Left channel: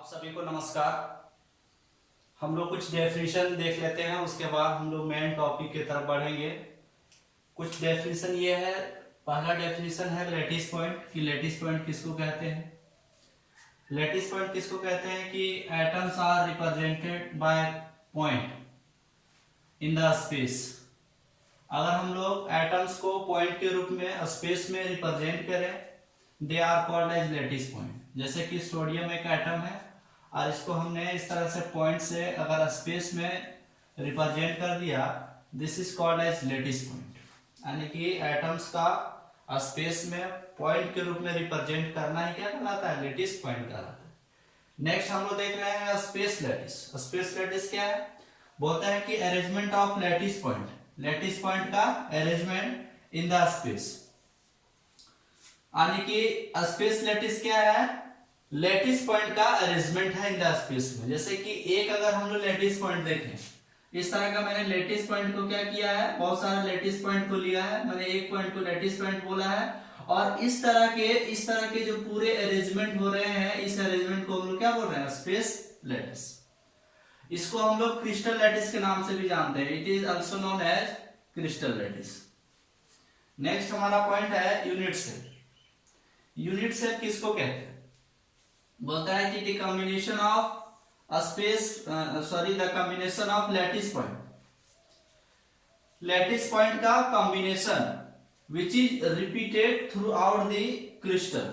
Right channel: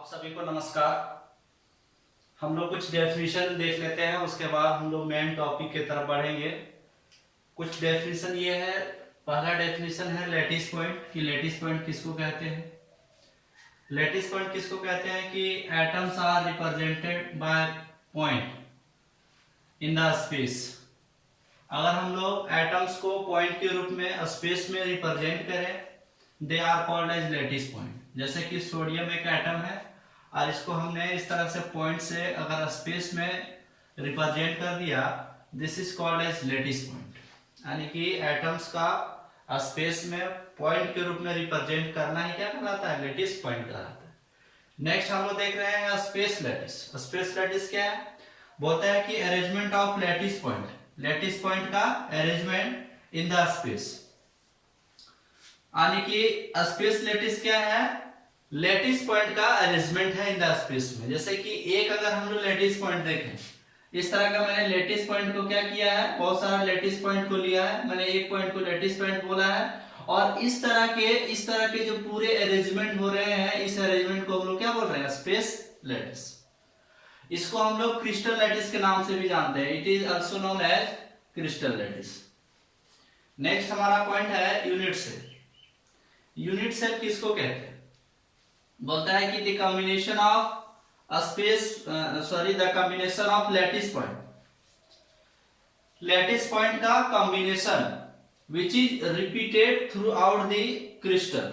आप सभी को नमस्कार। हम लोग कुछ डेफिनेशन देख लेते हैं, उसके बाद हम लोग मेन टॉपिक की तरफ बढ़ेंगे। कुछ डेफिनेशन ये है। पहला डेफिनेशन है लैटिस पॉइंट कि लैटिस पॉइंट किसको कहते हैं। लैटिस पॉइंट किसको कहते हैं कि atoms are represented by point in the space. अगर हम लोग एटम्स को पॉइंट के रूप में स्पेस में रिप्रेजेंट करें, they are called as lattice point. जैसे कि सोडियम एक एटम है और इसको हमने इस तरह से पॉइंट से अगर स्पेस में रिप्रेजेंट कर दिया, this is called as lattice point. यानी कि एटम्स का स्पेस में पॉइंट के रूप में रिप्रेजेंट करना ही क्या कहलाता है, लैटिस पॉइंट कहलाता है। नेक्स्ट हम लोग देख रहे हैं स्पेस लैटिस। स्पेस लैटिस क्या है, बोलता है कि arrangement of lattice point, lattice point का अरेंजमेंट इन द स्पेस। यानी कि स्पेस लैटिस क्या है, लैटिस पॉइंट का अरेंजमेंट है इन द स्पेस में। जैसे कि एक अगर हम लोग लैटिस पॉइंट देखें, इस तरह का मैंने लैटिस पॉइंट को क्या किया है, बहुत सारा लैटिस पॉइंट को लिया है, मैंने एक पॉइंट को लैटिस पॉइंट बोला है और इस तरह के जो पूरे अरेंजमेंट हो रहे हैं, इस अरेंजमेंट को हम लोग क्या बोल रहे हैं, स्पेस लैटिस। इसको हम लोग क्रिस्टल लैटिस के नाम से भी जानते हैं। It is also known as crystal lattice. Next हमारा पॉइंट है यूनिट सेल। यूनिट सेल किसको कहते हैं, बोलता है कि the combination of the combination of lattice point, lattice point का combination which is repeated throughout the crystal,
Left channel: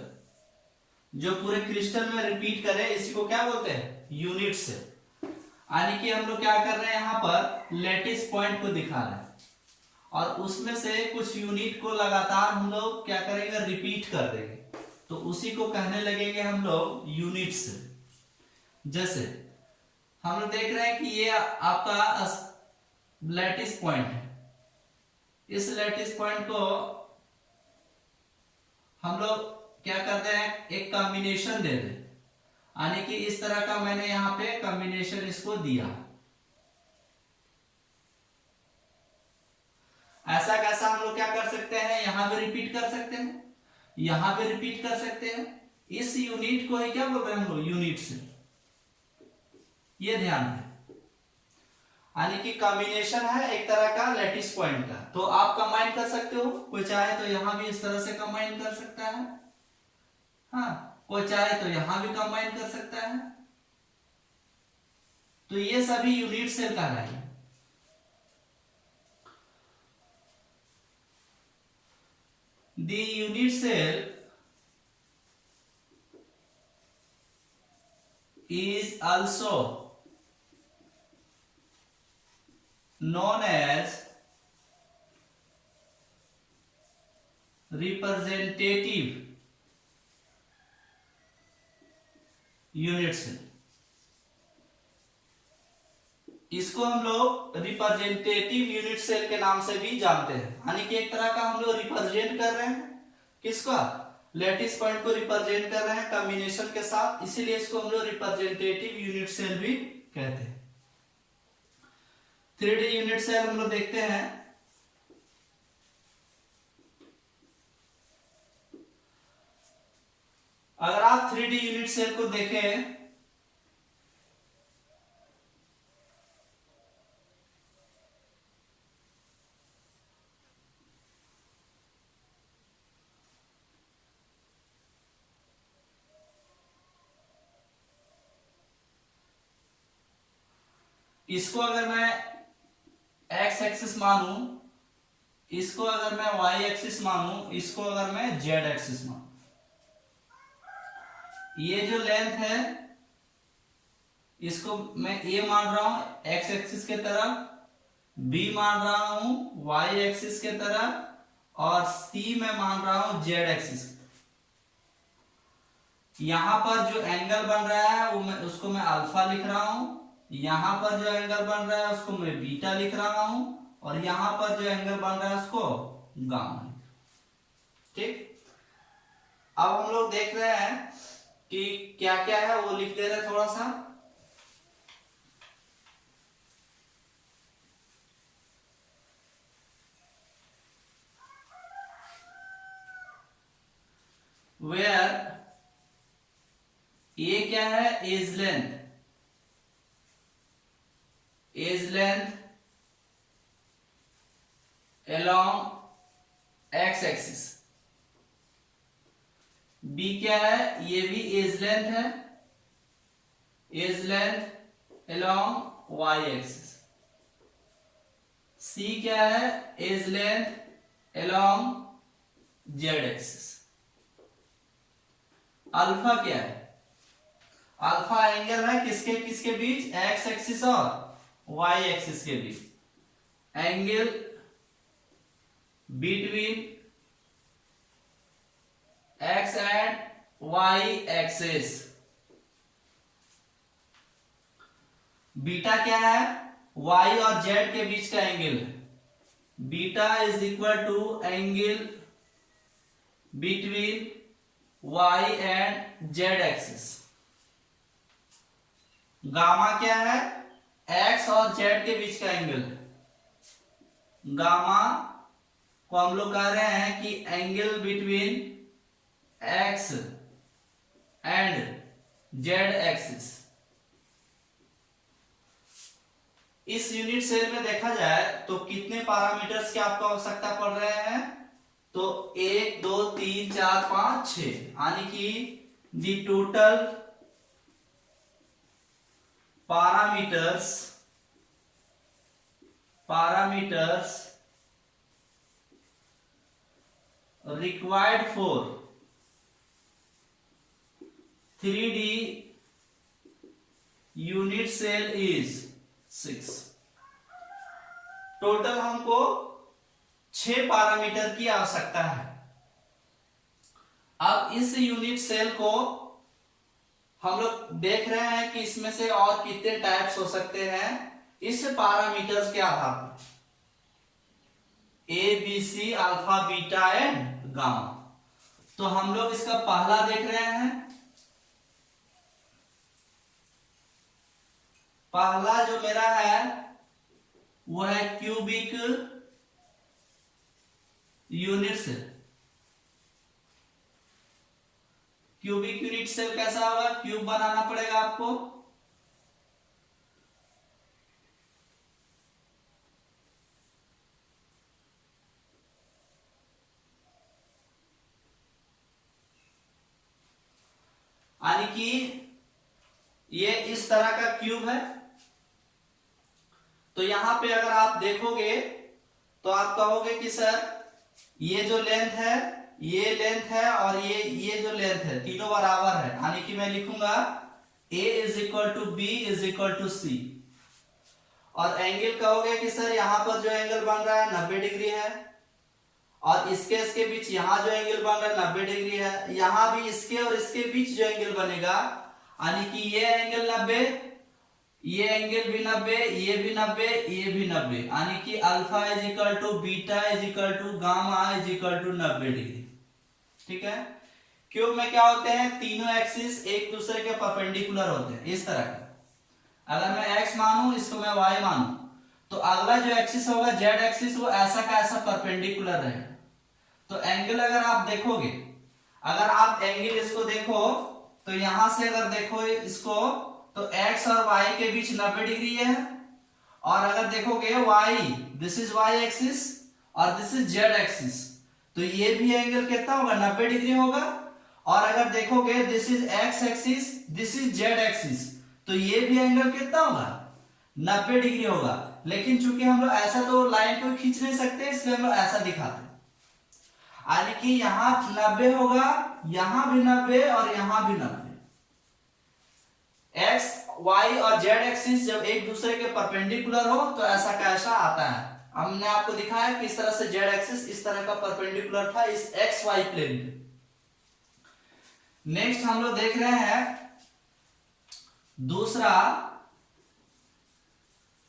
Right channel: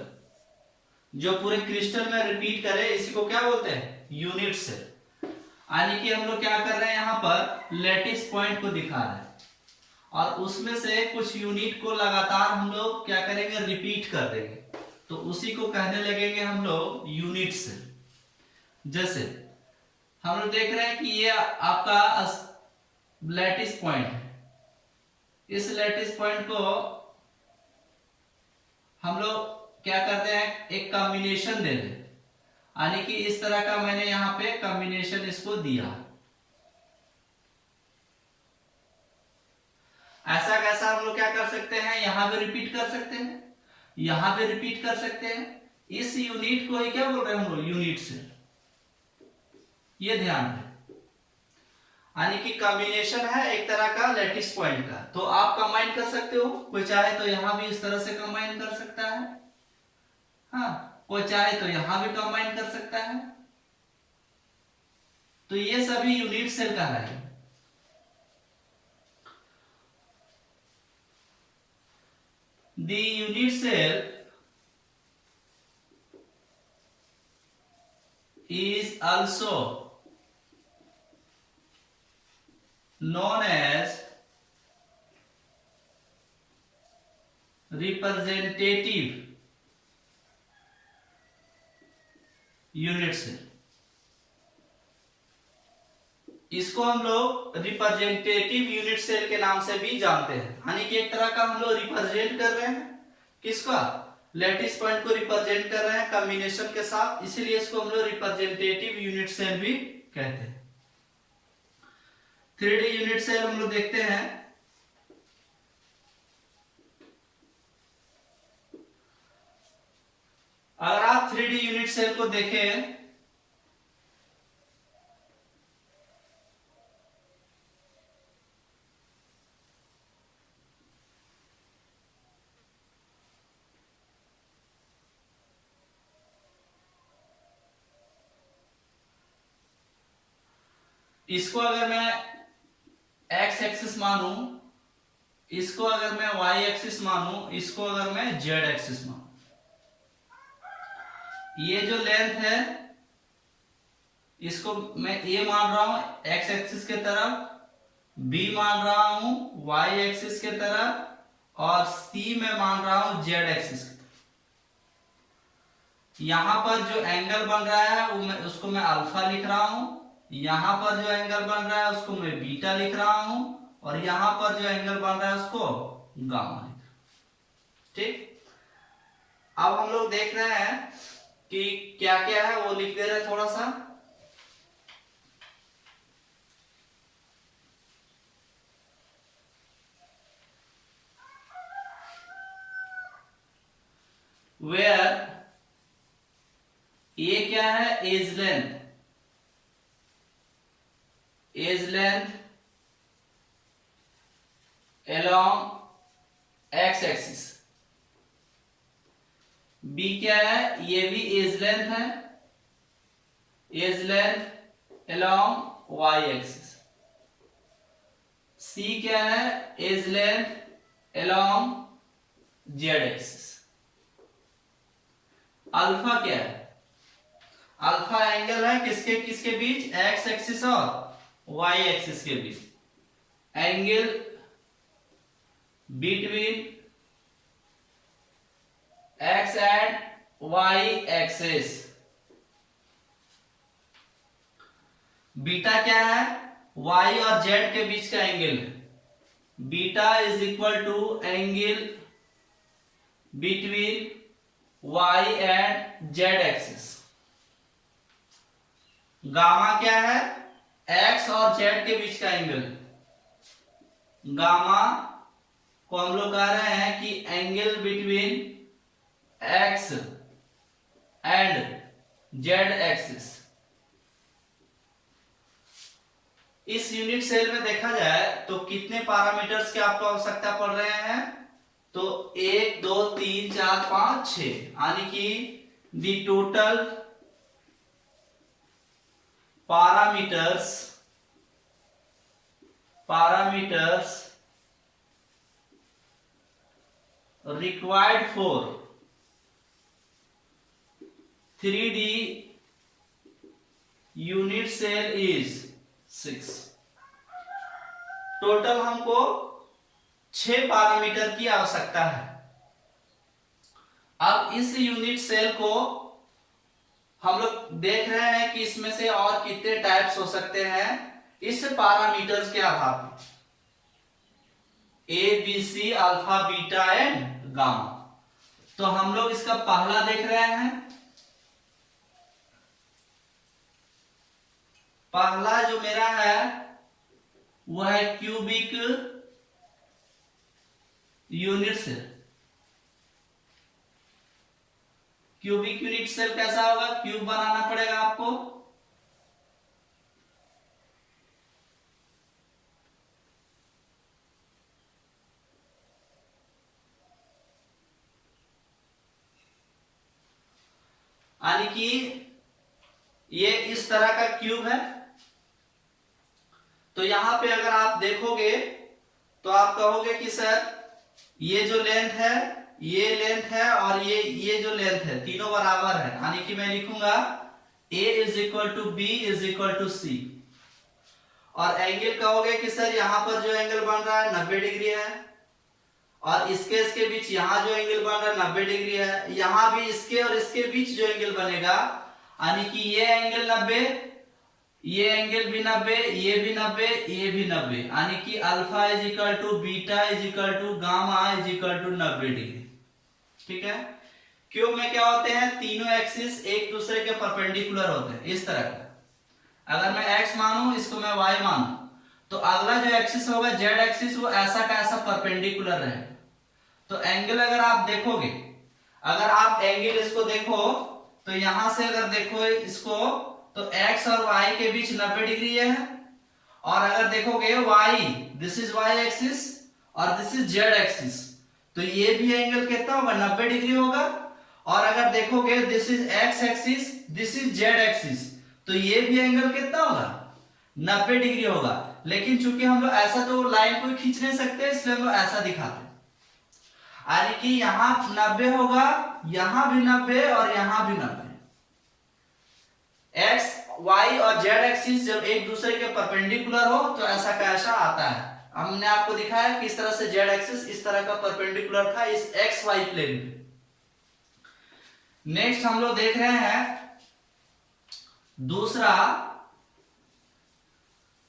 जो पूरे क्रिस्टल में रिपीट करे, इसी को क्या बोलते हैं, यूनिट सेल। यानी कि हम लोग क्या कर रहे हैं, यहां पर लैटिस पॉइंट को दिखा रहे हैं और उसमें से कुछ यूनिट को लगातार हम लोग क्या करेंगे, रिपीट कर देंगे, तो उसी को कहने लगेंगे हम लोग यूनिट सेल। जैसे हम लोग देख रहे हैं कि ये आपका लैटिस पॉइंट है, इस लैटिस पॉइंट को हम लोग क्या करते हैं, एक कॉम्बिनेशन दे दें। यानी कि इस तरह का मैंने यहां पे कॉम्बिनेशन इसको दिया। ऐसा कैसा हम लोग क्या कर सकते हैं, यहां भी रिपीट कर सकते हैं, यहां भी रिपीट कर सकते हैं। इस यूनिट को ही क्या बोल रहे हैं हम लोग, यूनिट सेल। ये ध्यान दें। यानी कि कॉम्बिनेशन है एक तरह का लैटिस पॉइंट का, तो आप कंबाइन कर सकते हो। कोई चाहे तो यहां भी इस तरह से कंबाइन कर सकता है, हाँ, कोई चाहे तो यहां भी कंबाइन कर सकता है। तो ये सभी यूनिट सेल कहलाएंगे। The unit cell is also known as representative unit cell. इसको हम लोग रिप्रेजेंटेटिव यूनिट सेल के नाम से भी जानते हैं। यानी कि एक तरह का हम लोग रिप्रेजेंट कर रहे हैं, किसका, लैटिस पॉइंट को रिप्रेजेंट कर रहे हैं कॉम्बिनेशन के साथ, इसीलिए इसको हम लोग रिप्रेजेंटेटिव यूनिट सेल भी कहते हैं। 3D यूनिट सेल हम लोग देखते हैं। अगर आप 3D यूनिट सेल को देखें, इसको अगर मैं एक्स एक्सिस मानूं, इसको अगर मैं वाई एक्सिस मानूं, इसको अगर मैं जेड एक्सिस मानूं, ये जो लेंथ है इसको मैं ए मान रहा हूं एक्स एक्सिस के तरफ, बी मान रहा हूं वाई एक्सिस के तरफ और सी में मान रहा हूं जेड एक्सिस की तरफ। यहां पर जो एंगल बन रहा है वो उसको मैं अल्फा लिख रहा हूं, यहां पर जो एंगल बन रहा है उसको मैं बीटा लिख रहा हूं और यहां पर जो एंगल बन रहा है उसको गामा लिख रहा हूं। ठीक, अब हम लोग देख रहे हैं कि क्या क्या है, वो लिख दे रहे थोड़ा सा। where a क्या है, edge length, edge length along x axis. B क्या है, ये भी एज लेंथ है, edge length along y axis. C क्या है, edge length along z axis. Alpha क्या है, अल्फा एंगल है किसके किसके बीच, एक्स एक्सिस और वाई एक्सिस के बीच, angle between x and y axis. Beta क्या है, वाई और जेड के बीच का एंगल है, beta is equal to angle between Y and Z axis. Gamma क्या है, एक्स और जेड के बीच का एंगल है, गामा को हम लोग कह रहे हैं कि angle between x and Z axis. इस यूनिट सेल में देखा जाए तो कितने पैरामीटर्स की आपको आवश्यकता पड़ रहे हैं, तो 1 2 3 4 5 6, यानी कि दी total parameters required for 3D unit cell is 6। Total हमको 6 पैरामीटर की आवश्यकता है। अब इस यूनिट सेल को हम लोग देख रहे हैं कि इसमें से और कितने टाइप्स हो सकते हैं इस पैरामीटर्स के आधार पर, A B C alpha beta and gamma. तो हम लोग इसका पहला देख रहे हैं, पहला जो मेरा है वो है cubic unit cell. Cubic unit cell कैसा होगा, क्यूब बनाना पड़ेगा आपको, यानी कि ये इस तरह का क्यूब है। तो यहां पे अगर आप देखोगे तो आप कहोगे कि सर ये जो लेंथ है, ये लेंथ है और ये जो लेंथ है तीनों बराबर है, यानी कि मैं लिखूंगा a is equal to b is equal to c. और एंगल कहोगे कि सर यहां पर जो एंगल बन रहा है 90 डिग्री है, और इसके बीच यहां जो एंगल बन रहा है 90 डिग्री है, यहां भी इसके और इसके बीच जो एंगल बनेगा, यानी कि ये एंगल 90, ये एंगल भी 90, ये भी 90, ये भी 90, यानी कि alpha is equal to beta is equal to gamma is equal to 90 degree. ठीक है, क्यूब में क्या होते हैं, तीनों एक्सिस एक दूसरे के परपेंडिकुलर होते हैं इस तरह का। अगर मैं x मानूं, इसको मैं y मानूं, तो अगला जो एक्सिस होगा जेड एक्सिस, वो ऐसा का ऐसा परपेंडिकुलर रहेगा। तो एंगल अगर आप देखोगे, अगर आप एंगल इसको देखो तो यहां से अगर देखो इसको तो x और y के बीच 90 डिग्री है, और अगर देखोगे y, this is y axis और दिस इज z एक्सिस, तो ये भी एंगल कितना होगा, 90 डिग्री होगा। और अगर देखोगे this is x axis, this is z axis, तो ये भी एंगल कितना होगा, 90 डिग्री होगा। लेकिन चूंकि हम लोग ऐसा तो लाइन को खींच नहीं सकते, इसलिए हम लोग ऐसा दिखाते हैं, यानी कि यहां 90 होगा, यहां भी 90 और यहां भी 90। एक्स वाई और जेड एक्सिस जब एक दूसरे के परपेंडिकुलर हो तो ऐसा का ऐसा आता है। हमने आपको दिखाया किस तरह से जेड एक्सिस इस तरह का परपेंडिकुलर था इस एक्स वाई प्लेन पे। नेक्स्ट हम लोग देख रहे हैं दूसरा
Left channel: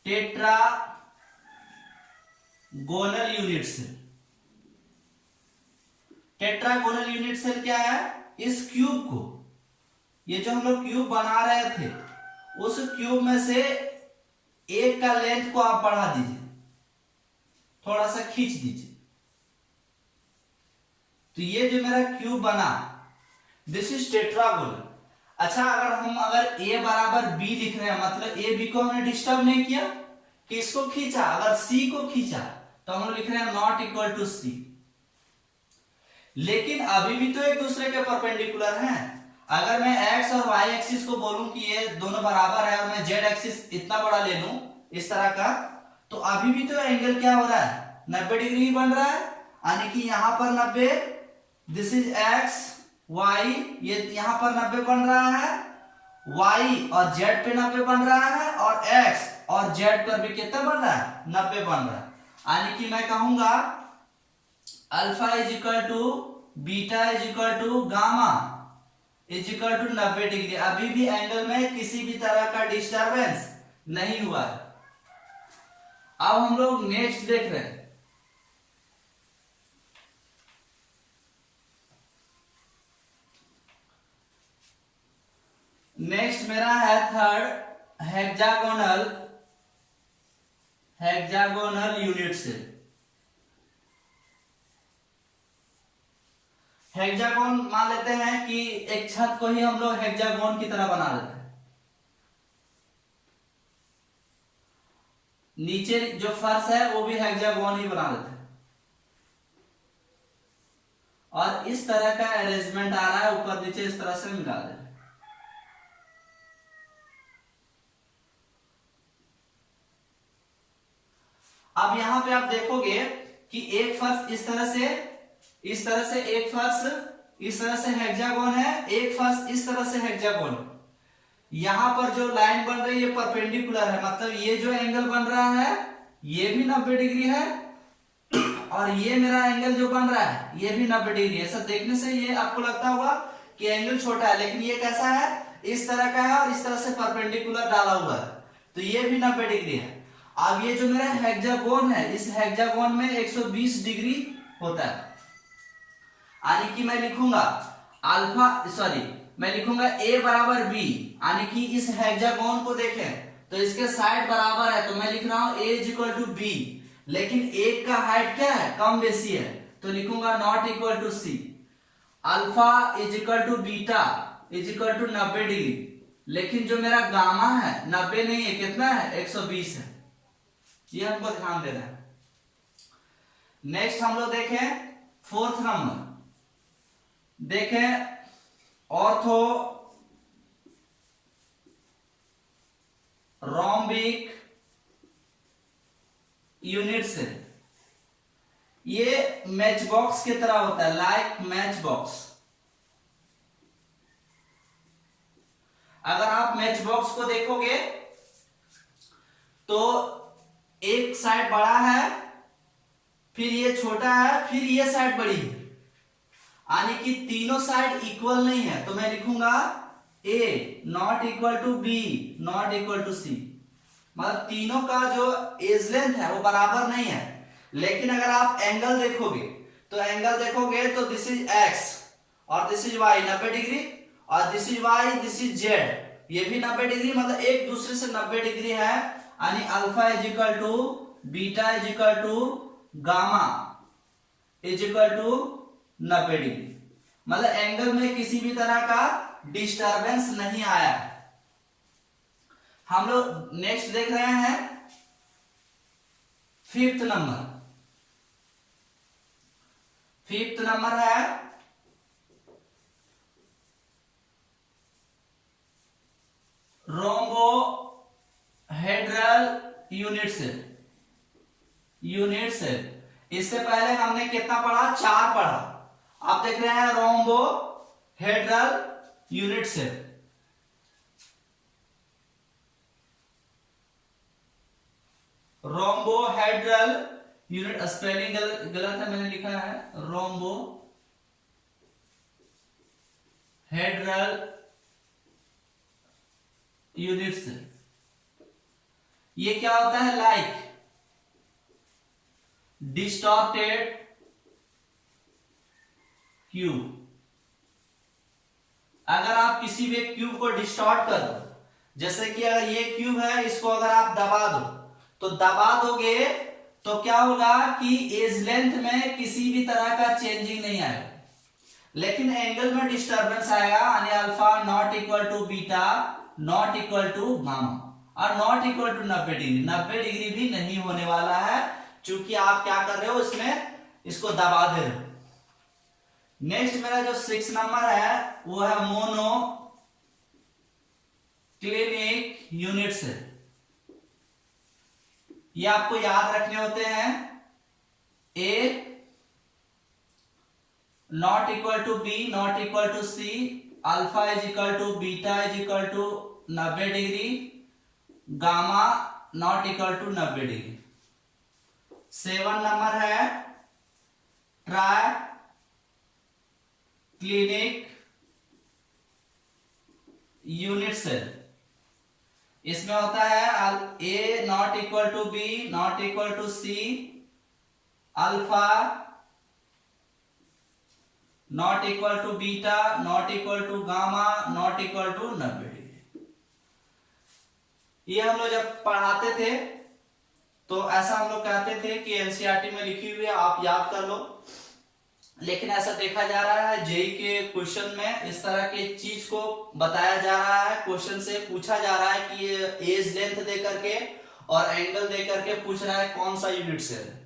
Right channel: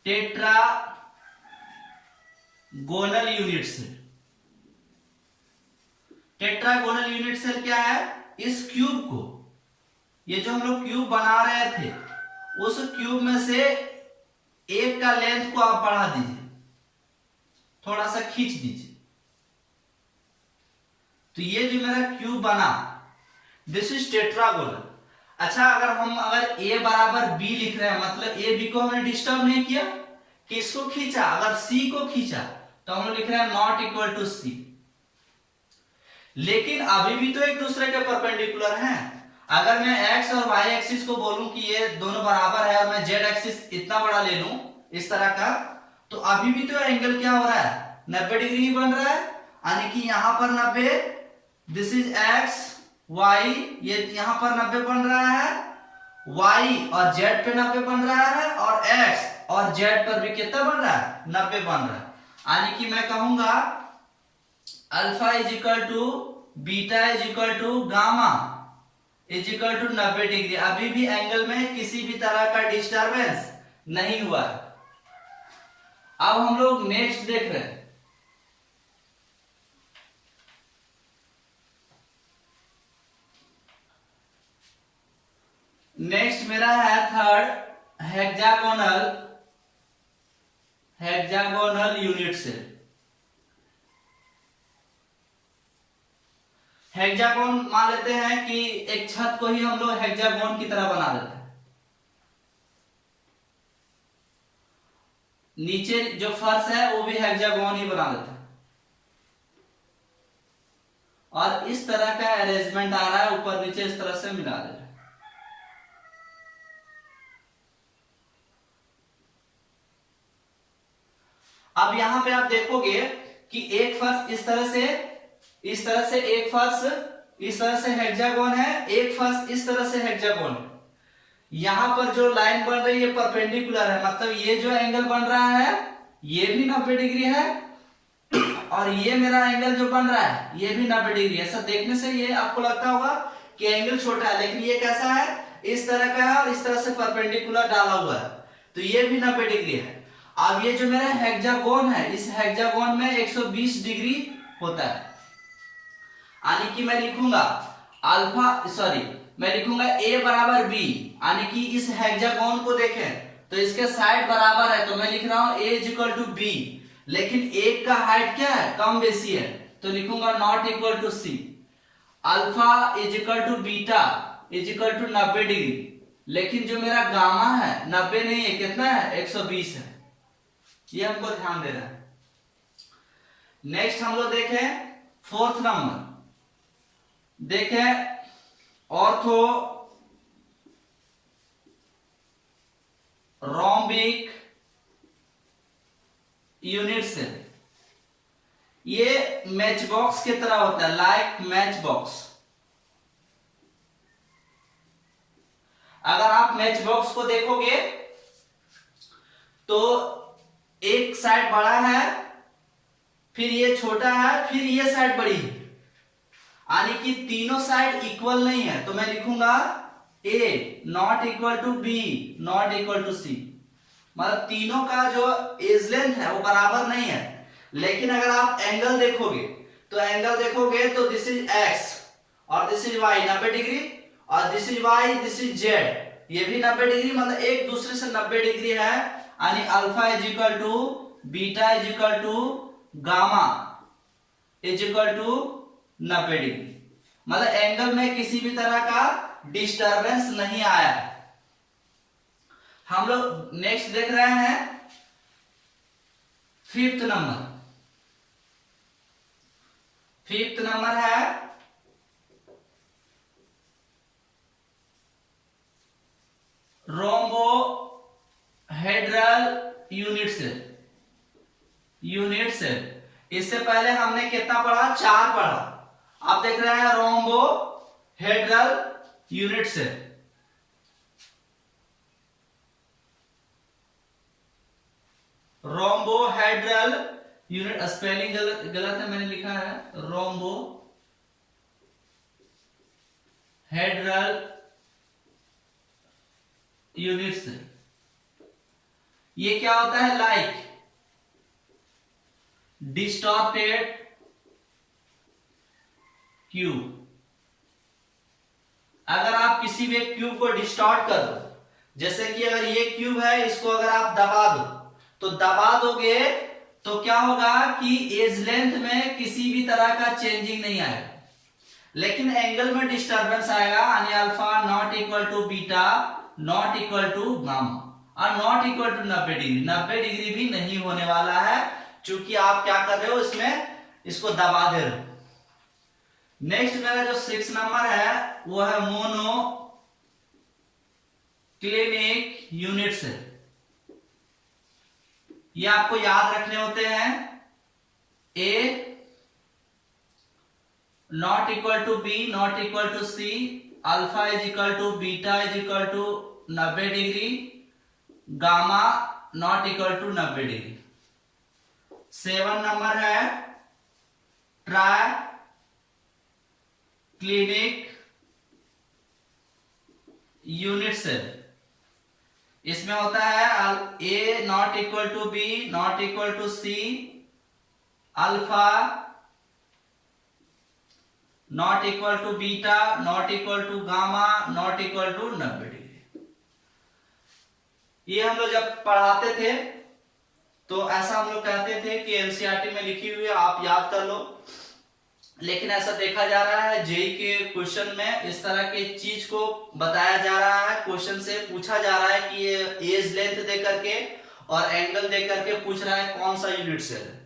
tetragonal unit cell. Tetragonal unit cell क्या है, इस क्यूब को, ये जो हम लोग क्यूब बना रहे थे, उस क्यूब में से एक का लेंथ को आप बढ़ा दीजिए, थोड़ा सा खींच दीजिए, तो ये जो मेरा क्यूब बना, दिस इज टेट्रागोनल। अच्छा अगर ए बराबर बी लिख रहे हैं, मतलब ए बी को हमने डिस्टर्ब नहीं किया, किसको खींचा, अगर सी को खींचा तो हम लिख रहे हैं नॉट इक्वल टू सी। लेकिन अभी भी तो एक दूसरे के परपेंडिकुलर हैं। अगर मैं एक्स और वाई एक्सिस को बोलूं कि ये दोनों बराबर है और मैं जेड एक्सिस इतना बड़ा ले लूं इस तरह का, तो अभी भी तो एंगल क्या हो रहा है, 90 डिग्री ही बन रहा है। यानी कि यहां पर 90, दिस इज एक्स वाई, ये यहां पर 90 बन रहा है, वाई और जेड पे 90 बन रहा है, और एक्स और जेड पर भी कितना बन रहा है, 90 बन रहा है। यानी कि मैं कहूंगा alpha is equal to beta is equal to gamma is equal to 90 degree. अभी भी एंगल में किसी भी तरह का डिस्टरबेंस नहीं हुआ है। अब हम लोग नेक्स्ट देख रहे हैं। नेक्स्ट मेरा है third hexagonal unit cell. Hexagon मान लेते हैं कि एक छत को ही हम लोग हेक्सागोन की तरह बना देते हैं। नीचे जो फर्श है वो भी हेक्सागोन ही बना देते हैं, और इस तरह का अरेंजमेंट आ रहा है, ऊपर नीचे इस तरह से मिला दे रहे हैं। अब यहां पे आप देखोगे कि एक फर्श इस तरह से एक फर्श इस तरह से हेक्सागोन है, एक फर्श इस तरह से हेक्सागोन है। यहां पर जो लाइन बन रही है परपेंडिकुलर है, मतलब ये जो एंगल बन रहा है ये भी 90 डिग्री है, और ये मेरा एंगल जो बन रहा है ये भी 90 डिग्री है। ऐसा देखने से ये आपको लगता होगा कि एंगल छोटा है, लेकिन ये कैसा है, इस तरह का है और इस तरह से परपेंडिकुलर डाला हुआ है, तो ये भी 90 डिग्री है। अब ये जो मेरा हेक्सागोन है, इस हेक्सागोन में 120 डिग्री होता है। यानी कि मैं लिखूंगा मैं लिखूंगा a बराबर b, यानी कि इस हेक्सागोन को देखें तो इसके साइड बराबर है, तो मैं लिख रहा हूं a is equal to b, लेकिन एक का हाइट क्या है, कम बेसी है, तो लिखूंगा not equal to C. Alpha is equal to beta is equal to 90 degree, लेकिन जो मेरा गामा है 90 नहीं है, कितना है, 120 है। ये हमको ध्यान देना है। नेक्स्ट हम लोग देखें फोर्थ नंबर, देखें ऑर्थो रोम्बिक यूनिट से। ये मैच बॉक्स की तरह होता है, लाइक मैच बॉक्स। अगर आप मैच बॉक्स को देखोगे तो एक साइड बड़ा है, फिर ये छोटा है, फिर ये साइड बड़ी है, यानी कि तीनों साइड इक्वल नहीं है, तो मैं लिखूंगा A not equal to B not equal to C। मतलब तीनों का जो एज लेंथ है वो बराबर नहीं है। लेकिन अगर आप एंगल देखोगे तो दिस इज x और दिस इज y 90 डिग्री, और this is y this is z, ये भी 90 डिग्री, मतलब एक दूसरे से 90 डिग्री है। यानी alpha is equal to beta is equal to gamma is equal to 90 degree, मतलब एंगल में किसी भी तरह का डिस्टरबेंस नहीं आया है। हम लोग नेक्स्ट देख रहे हैं फिफ्थ नंबर है रोम्बोहेड्रल यूनिट सेल। इससे पहले हमने कितना पढ़ा, 4 पढ़ा। आप देख रहे हैं rhombohedral unit cell. Rhombohedral unit, spelling गलत है, मैंने लिखा है रोम्बोहेड्रल यूनिट सेल। ये क्या होता है, लाइक डिस्टॉर्टेड क्यूब। अगर आप किसी भी क्यूब को डिस्टॉर्ट कर दो, जैसे कि अगर ये क्यूब है, इसको अगर आप दबा दो, तो दबा दोगे तो क्या होगा कि एज लेंथ में किसी भी तरह का चेंजिंग नहीं आएगा। लेकिन एंगल में डिस्टरबेंस आएगा, यानी alpha not equal to beta not equal to gamma और not equal to 90 degree. 90 degree भी नहीं होने वाला है, क्योंकि आप क्या कर रहे हो, इसमें इसको दबा दे रहे हो। नेक्स्ट मेरा जो 6 नंबर है वो है मोनो क्लिनिक यूनिट से। ये आपको याद रखने होते हैं, a not equal to b not equal to C, alpha is equal to beta is equal to 90 degree, gamma not equal to 90 degree. 7 number है ट्राई क्लिनिक यूनिट सेल। इसमें होता है a not equal to b not equal to C, alpha not equal to beta not equal to gamma not equal to 90 degree. ये हम लोग जब पढ़ाते थे तो ऐसा हम लोग कहते थे कि एनसीईआरटी में लिखी हुई है, आप याद कर लो। लेकिन ऐसा देखा जा रहा है जेई के क्वेश्चन में इस तरह के चीज को बताया जा रहा है, क्वेश्चन से पूछा जा रहा है कि ये एज लेंथ दे करके और एंगल दे करके पूछ रहा है कौन सा यूनिट सेल है।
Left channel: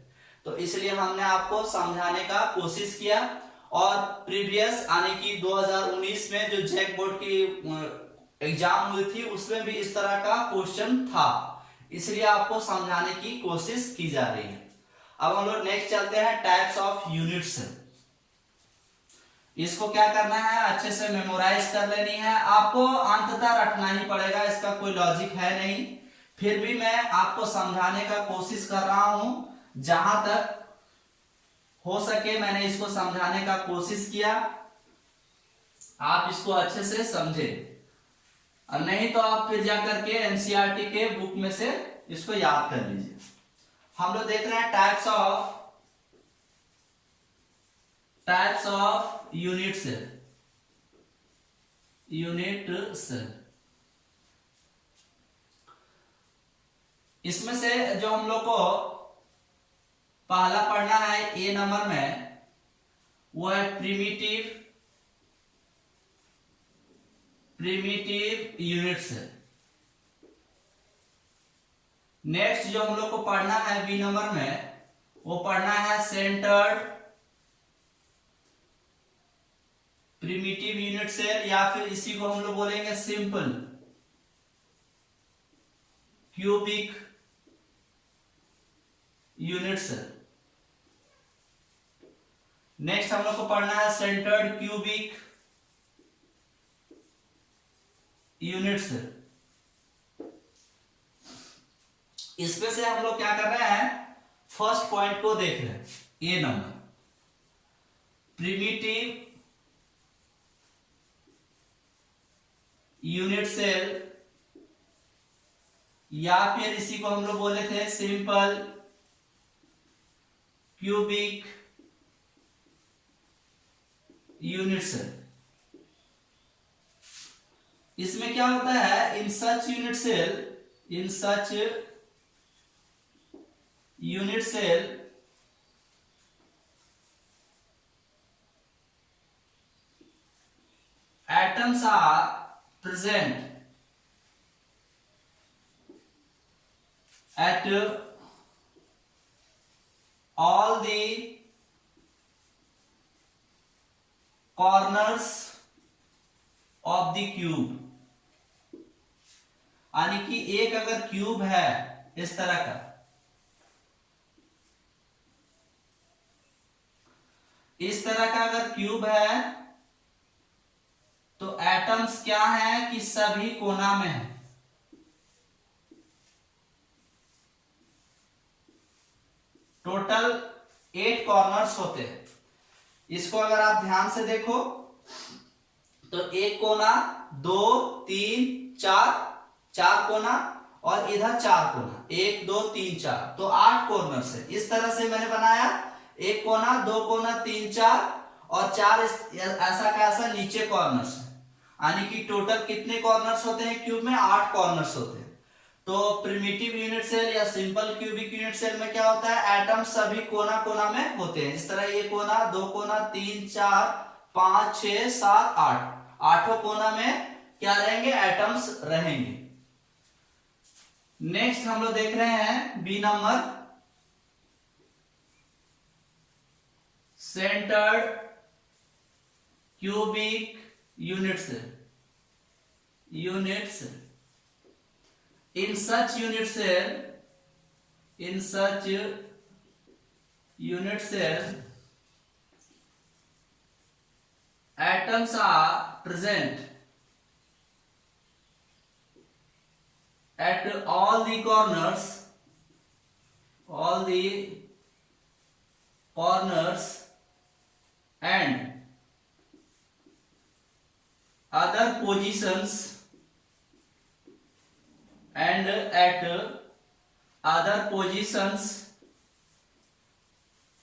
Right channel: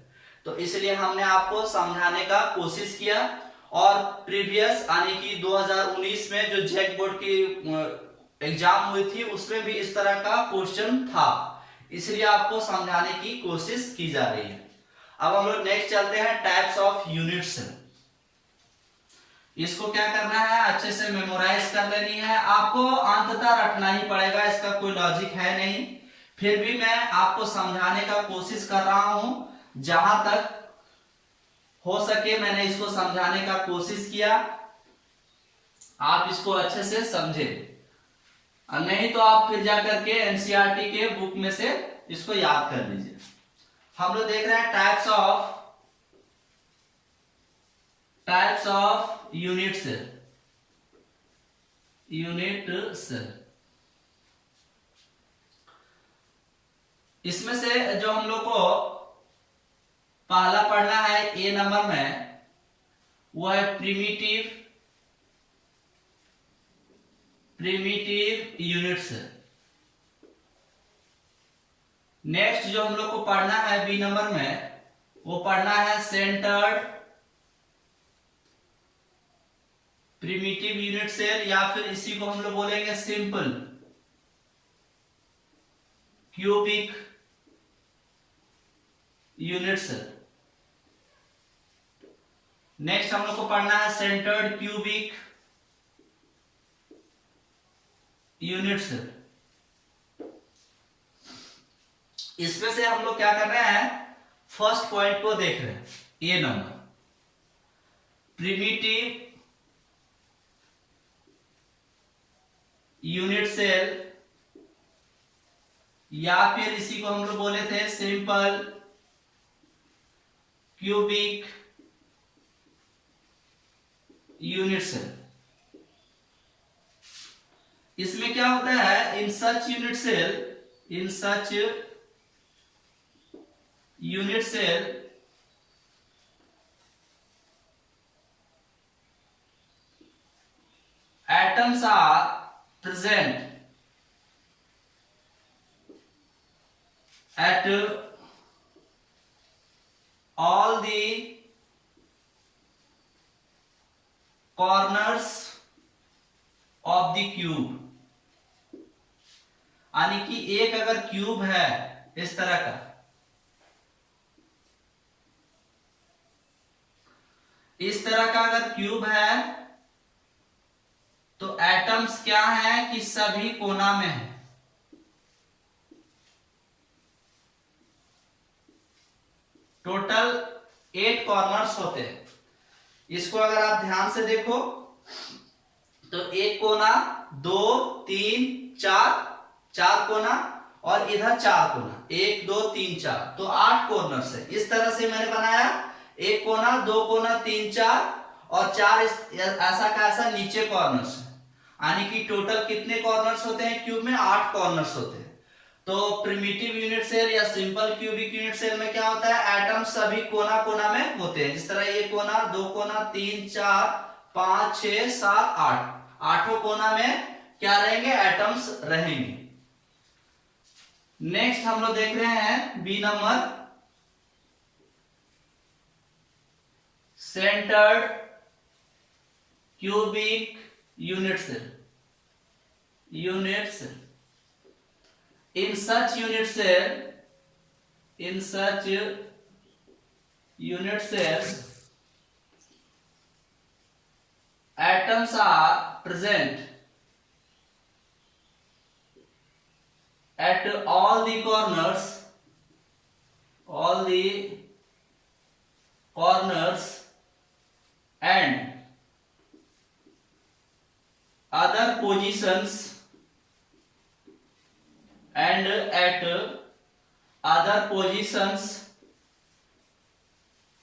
तो इसलिए हमने आपको समझाने का कोशिश किया। और प्रीवियस यानी कि 2019 में जो जैक बोर्ड की एग्जाम हुई थी उसमें भी इस तरह का क्वेश्चन था, इसलिए आपको समझाने की कोशिश की जा रही है। अब हम लोग नेक्स्ट चलते हैं टाइप्स ऑफ यूनिट सेल। इसको क्या करना है, अच्छे से मेमोराइज कर लेनी है, आपको अंततः रखना ही पड़ेगा, इसका कोई लॉजिक है नहीं। फिर भी मैं आपको समझाने का कोशिश कर रहा हूं, जहां तक हो सके मैंने इसको समझाने का कोशिश किया। आप इसको अच्छे से समझे, और नहीं तो आप फिर जाकर के एनसीईआरटी के बुक में से इसको याद कर लीजिए। हम लोग देख रहे हैं टाइप्स ऑफ यूनिट सेल। इसमें से जो हम लोग को पहला पढ़ना है ए नंबर में, वो है प्रिमिटिव यूनिट सेल। नेक्स्ट जो हम लोग को पढ़ना है बी नंबर में, वो पढ़ना है सेंटर्ड प्रिमिटिव यूनिट सेल, या फिर इसी को हम लोग बोलेंगे simple cubic unit cell. Next हम लोग को पढ़ना है सेंटर्ड क्यूबिक यूनिट सेल। इसमें से हम लोग क्या कर रहे हैं, फर्स्ट पॉइंट को देख रहे हैं, ए नंबर प्रिमिटिव यूनिट सेल, या फिर इसी को हम लोग बोले थे सिंपल क्यूबिक यूनिट सेल। इसमें क्या होता है, in such unit cell atoms are present at all the corners of the cube। यानी कि एक अगर क्यूब है इस तरह का, इस तरह का अगर क्यूब है तो एटम्स क्या है कि सभी कोना में है। टोटल 8 कॉर्नर्स होते हैं। इसको अगर आप ध्यान से देखो तो एक कोना, 2 3 4 कोना, और इधर 4 कोना, 1 2 3 4, तो 8 कॉर्नर्स है। इस तरह से मैंने बनाया, एक कोना, 2 कोना, 3 4 और 4 ऐसा का ऐसा नीचे कॉर्नर्स है। यानी कि टोटल कितने कॉर्नर्स होते हैं क्यूब में, 8 कॉर्नर्स होते हैं। तो प्रिमिटिव यूनिट सेल या सिंपल क्यूबिक यूनिट सेल में क्या होता है, एटम सभी कोना कोना में होते हैं। जिस तरह ये कोना, 2 कोना, 3 4 5 6 7 8, आठों कोना में क्या रहेंगे, एटम्स रहेंगे। नेक्स्ट हम लोग देख रहे हैं B number, centred cubic units. In such unit cells, atoms are present at all the corners and other positions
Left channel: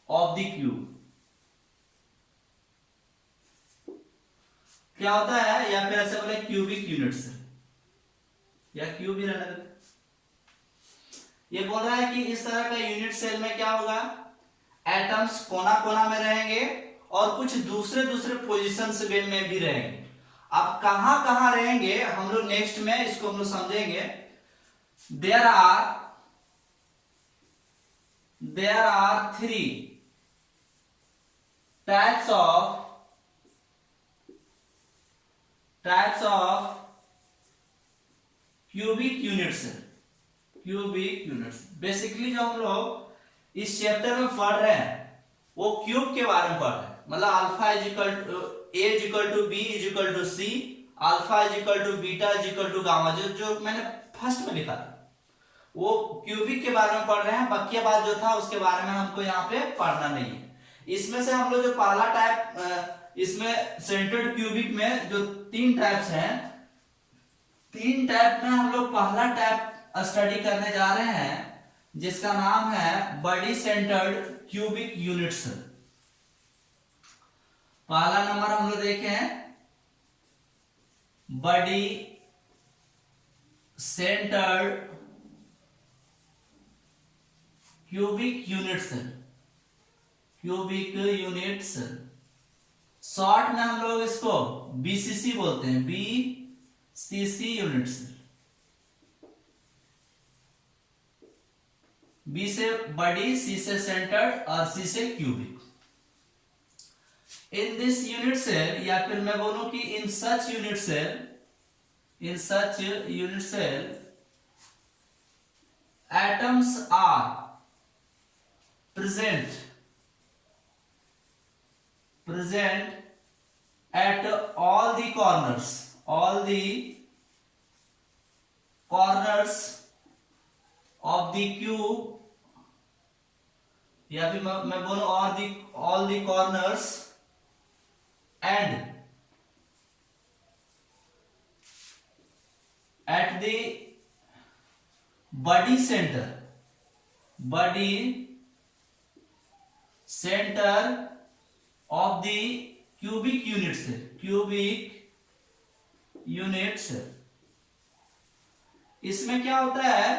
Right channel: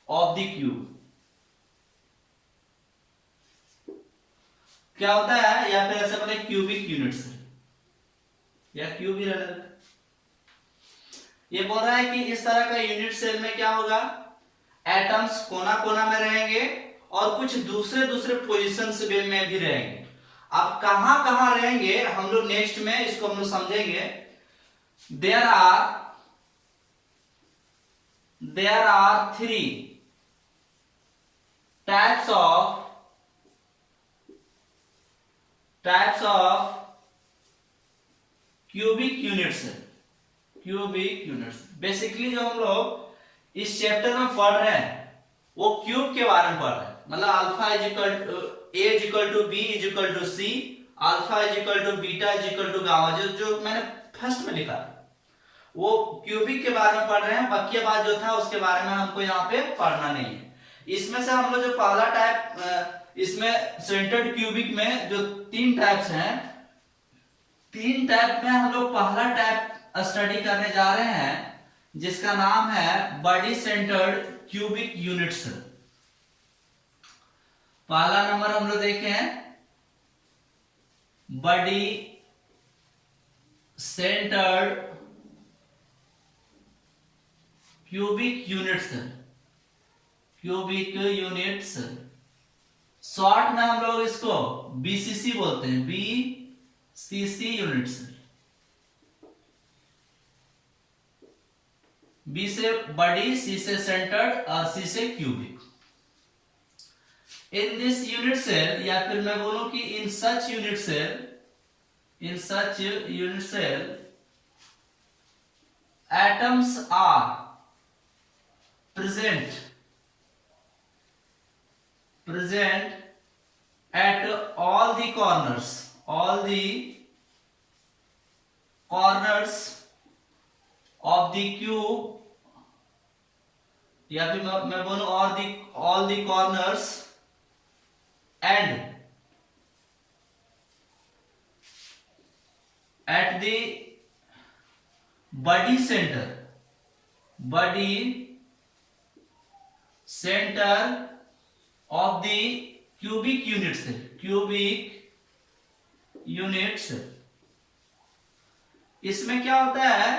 of the cube। क्या होता है, या फिर ऐसे बोले क्यूबिक यूनिट्स, या क्यूब ही रहने देते। ये बोल रहा है कि इस तरह का यूनिट सेल में क्या होगा, एटम्स कोना कोना में रहेंगे और कुछ दूसरे दूसरे पोजीशंस में भी रहेंगे। अब कहां कहां रहेंगे हम लोग नेक्स्ट में इसको हम लोग समझेंगे। There are 3 types of cubic units. Basically जो हम लोग इस चैप्टर में पढ़ रहे हैं वो क्यूब के बारे में पढ़ रहे हैं। मतलब अल्फा A=B=C, अल्फा β=गामा, जो मैंने फर्स्ट में लिखा था वो क्यूबिक के बारे में पढ़ रहे हैं। बाकी बात जो था उसके बारे में हमको यहाँ पे पढ़ना नहीं है। इसमें से हम लोग जो पहला टाइप, इसमें सेंटर्ड क्यूबिक में जो 3 टाइप्स हैं, 3 टाइप में हम लोग पहला टाइप स्टडी करने जा रहे हैं जिसका नाम है बॉडी सेंटर्ड क्यूबिक यूनिट्स। पहला नंबर हम लोग देखे हैं body centred cubic units. Short में हम लोग इसको BCC बोलते हैं, BCC यूनिट्स। B से बॉडी, C से सेंटर्ड और C से cubic. In this unit cell, या फिर मैं बोलूं कि in such unit cell atoms are present at all the corners of the cube, या फिर मैं बोलूं all the corners and at the body center of the cubic units। इसमें क्या होता है,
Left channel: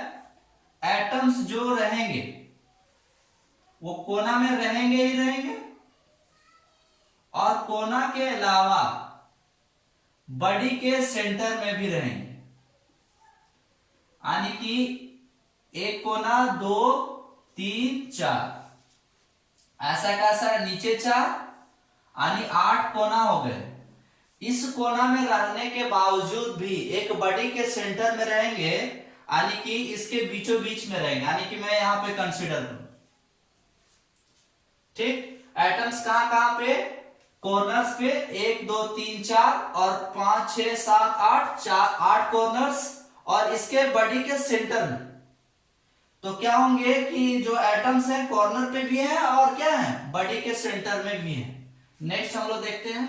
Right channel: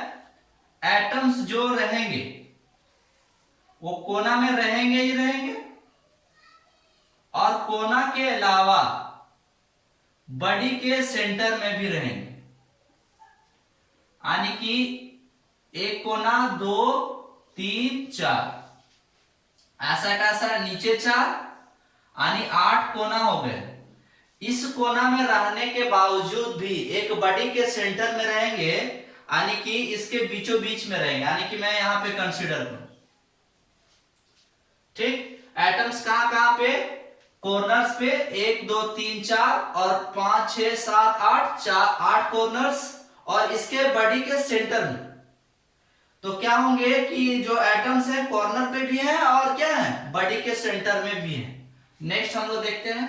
एटम्स जो रहेंगे वो कोना में रहेंगे ही रहेंगे, और कोना के अलावा बॉडी के सेंटर में भी रहेंगे। यानी कि एक कोना, 2 3 4, ऐसा कैसा नीचे 4, यानी 8 कोना हो गए। इस कोना में रहने के बावजूद भी एक बॉडी के सेंटर में रहेंगे, यानी कि इसके बीचों बीच में रहेंगे। यानी कि मैं यहां पे कंसीडर करूं, ठीक, एटम्स कहां पे, कॉर्नर्स पे 1 2 3 4 और 5 6 7 8, 8 कॉर्नर्स, और इसके बॉडी के सेंटर में। तो क्या होंगे कि जो एटम्स हैं कॉर्नर पे भी हैं और क्या है, बॉडी के सेंटर में भी हैं। नेक्स्ट हम लोग देखते हैं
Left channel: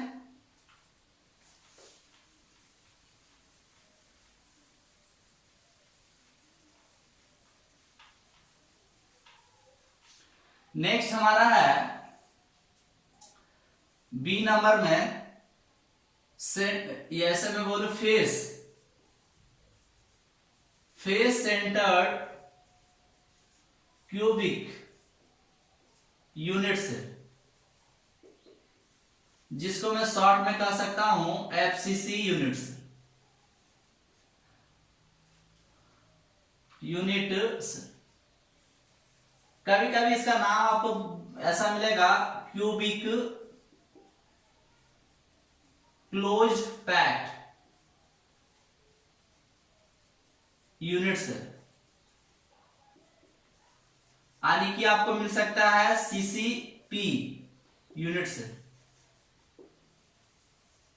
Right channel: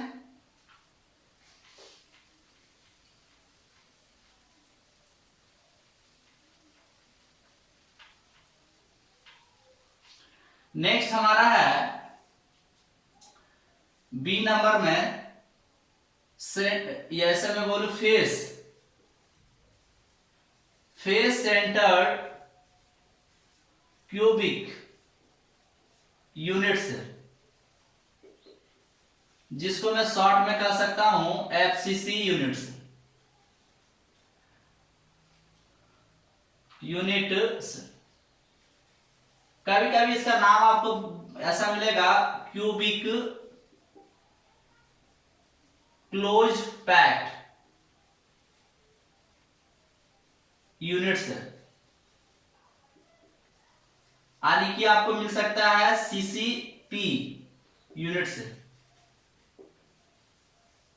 नेक्स्ट हमारा है बी नंबर में ऐसे मैं बोलू फेस सेंटर्ड क्यूबिक यूनिट्स। जिसको मैं शॉर्ट में कह सकता हूं एफसीसी यूनिट्स, यूनिट। कभी कभी इसका नाम आपको ऐसा मिलेगा क्यूबिक क्लोज पैक्ड यूनिट्स, यानी कि आपको मिल सकता है सीसीपी यूनिट्स,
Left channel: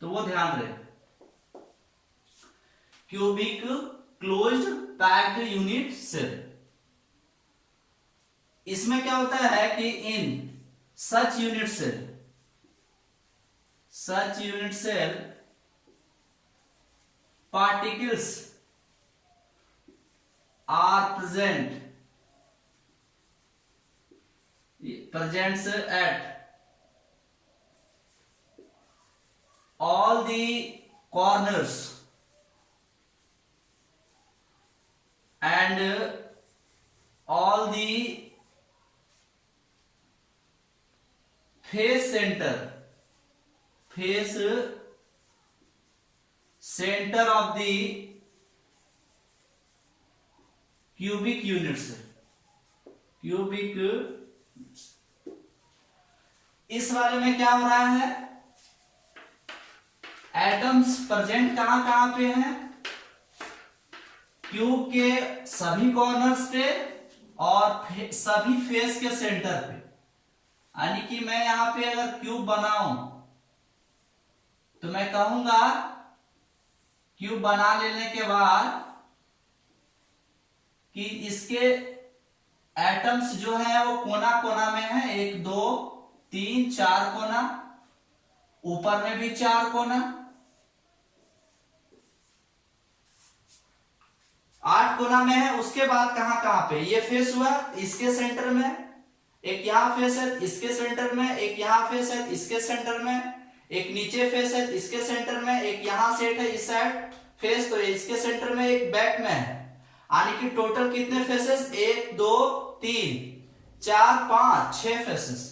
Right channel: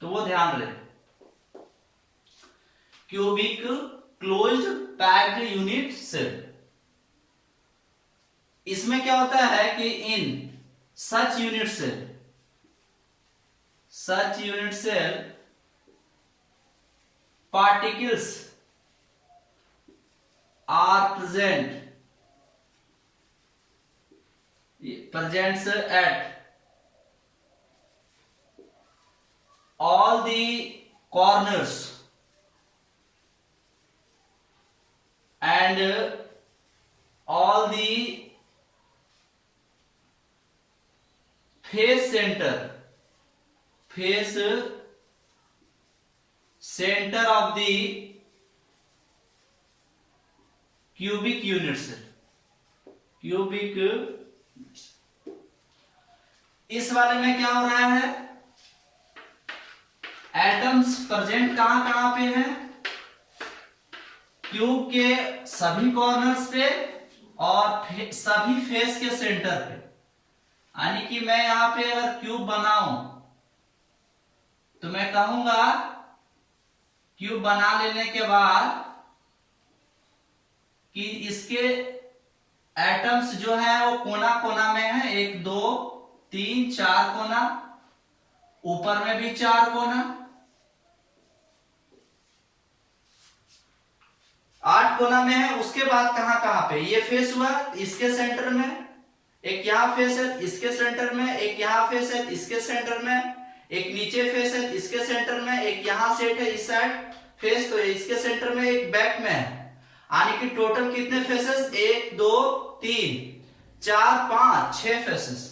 तो वो ध्यान रहे, cubic closed packed unit cell. इसमें क्या होता है कि in such unit cell particles are presents at all the corners and all the face center of the cubic units, इस वाले में क्या हो रहा है, एटम्स प्रेजेंट कहां कहां पे हैं, क्यूब के सभी कॉर्नर्स पे और सभी फेस के सेंटर पे। यानी कि मैं यहां पे अगर क्यूब बनाऊं तो मैं कहूंगा क्यूब बना लेने के बाद कि इसके एटम्स जो है वो कोना कोना में है, 1 2 3 4 कोना, ऊपर में भी 4 कोना, 8 कोना में है। उसके बाद कहां कहां पे ये फेस हुआ, इसके सेंटर में एक, यहां फेस है इसके सेंटर में एक, यहां फेस है इसके सेंटर में एक, नीचे फेस है इसके सेंटर में एक, यहां सेट है इस साइड फेस तो इसके सेंटर में एक, बैक में है। यानी कि टोटल कितने फेसेस, 1 2 3 4 5 6 फेसेस,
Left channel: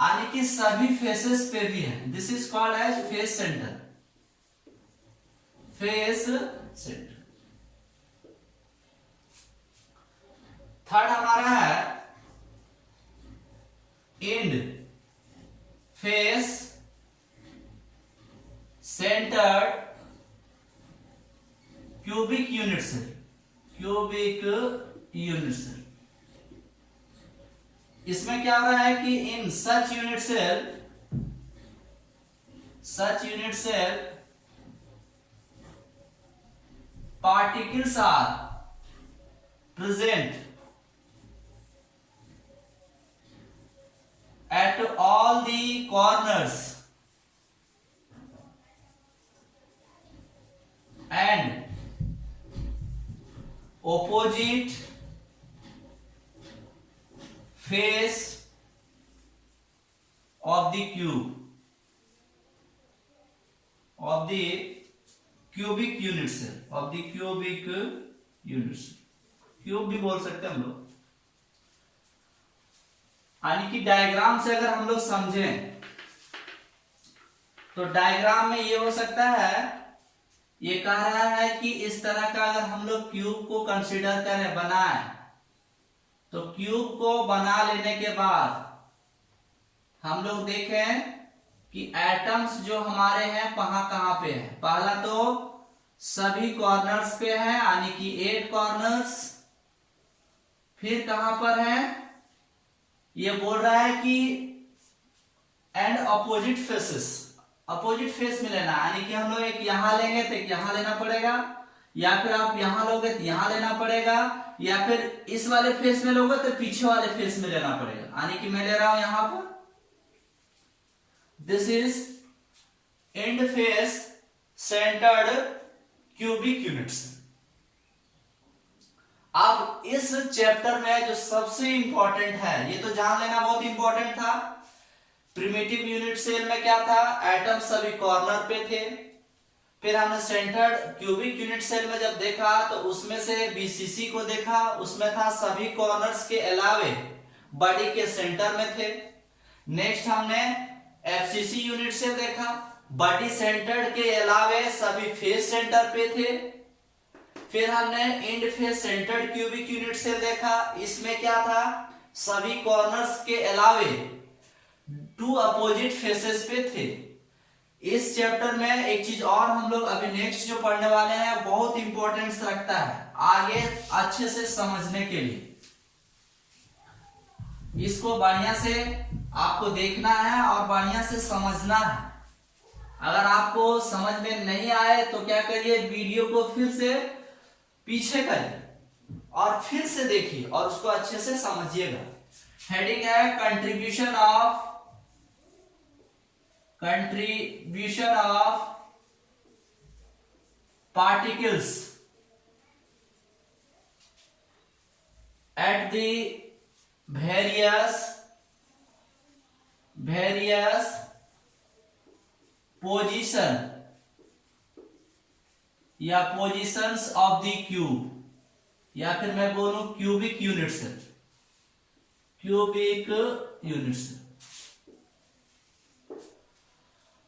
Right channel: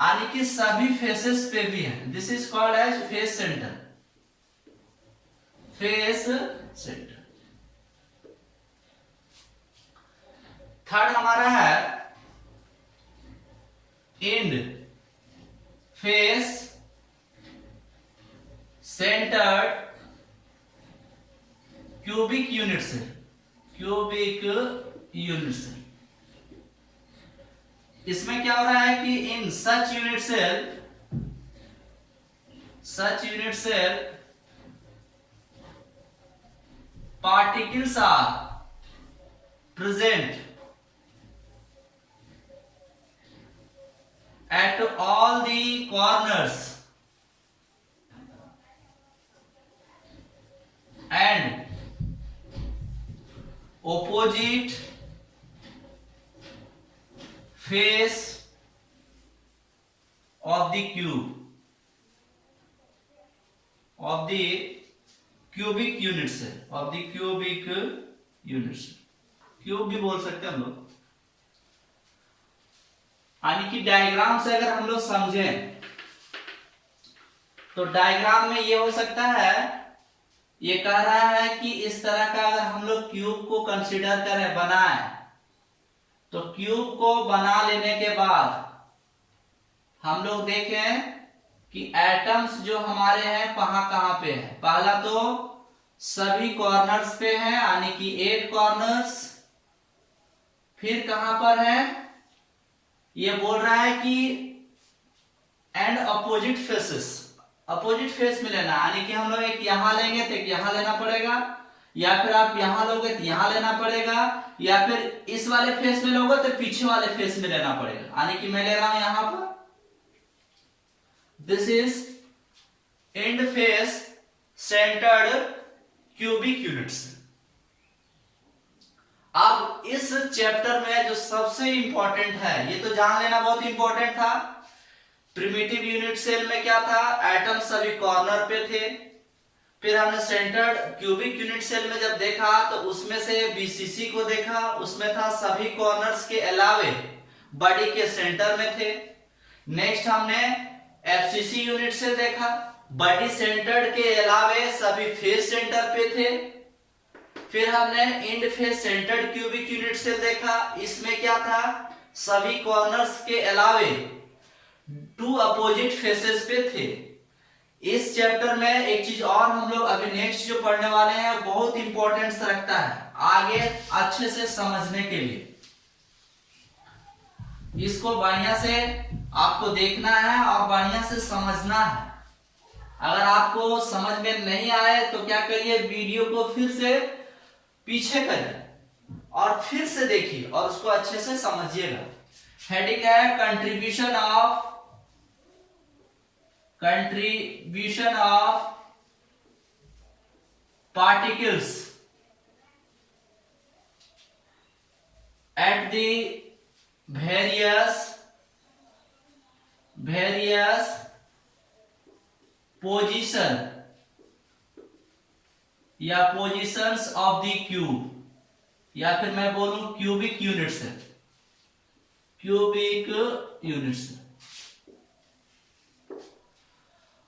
यानी कि सभी फेसेस पे भी है। This is called as face centre, face centre. Third हमारा है end face centred cubic units, इसमें क्या हो रहा है कि in such unit cell particles are present at all the corners and opposite face of the cube of the cubic units, cube भी बोल सकते हैं हम लोग। यानी कि डायग्राम से अगर हम लोग समझें तो डायग्राम में ये हो सकता है, ये कह रहा है कि इस तरह का अगर हम लोग क्यूब को कंसीडर करें, बनाएं, तो क्यूब को बना लेने के बाद हम लोग देखें कि एटम्स जो हमारे हैं कहां कहां पे है। पहला तो सभी कॉर्नर्स पे है, यानी कि 8 कॉर्नर्स। फिर कहां पर है, ये बोल रहा है कि and opposite faces, opposite face में लेना, यानी कि हम लोग एक यहां लेंगे तो एक यहां लेना पड़ेगा, या फिर आप यहां लोगे तो यहां लेना पड़ेगा, या फिर इस वाले फेस में लोगे तो पीछे वाले फेस में लेना पड़ेगा। यानी कि मैं ले रहा हूं यहां पर, this is and face centred cubic units. अब इस चैप्टर में जो सबसे इंपॉर्टेंट है, ये तो जान लेना बहुत इंपॉर्टेंट था, प्रिमिटिव यूनिट सेल में क्या था, एटम सभी कॉर्नर पे थे। फिर हमने सेंटर्ड क्यूबिक यूनिट सेल में जब देखा तो उसमें से बीसीसी को देखा, उसमें था सभी कॉर्नर्स के अलावे बॉडी के सेंटर में थे। नेक्स्ट हमने एफसीसी यूनिट सेल देखा, बॉडी सेंटर्ड के अलावे सभी फेस सेंटर पे थे। फिर हमने end face centred cubic unit cell देखा, इसमें क्या था, सभी कॉर्नर्स के अलावे 2 अपोजिट फेसेस पे थे। इस चैप्टर में एक चीज और हम लोग अभी नेक्स्ट जो पढ़ने वाले हैं बहुत इंपॉर्टेंस रखता है आगे अच्छे से समझने के लिए। इसको बढ़िया से आपको देखना है और बढ़िया से समझना है। अगर आपको समझ में नहीं आए तो क्या करिए, वीडियो को फिर से पीछे करिए और फिर से देखिए और उसको अच्छे से समझिएगा। हेडिंग है contribution of particles at the various position या पोजीशंस ऑफ द क्यूब, या फिर मैं बोलूं क्यूबिक यूनिट से,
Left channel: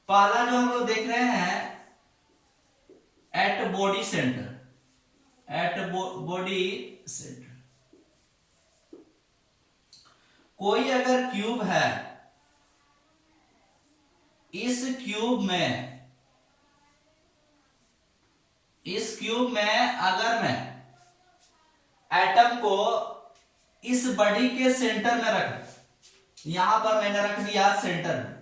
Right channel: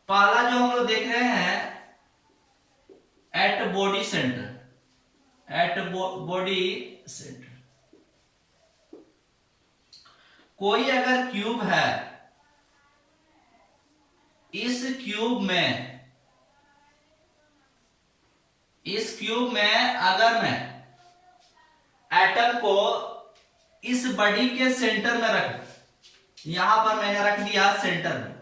पहला जो हम लोग देख रहे हैं एट बॉडी सेंटर, कोई अगर क्यूब है, इस क्यूब में अगर मैं एटम को इस बॉडी के सेंटर में रख, यहां पर मैंने रख दिया सेंटर में,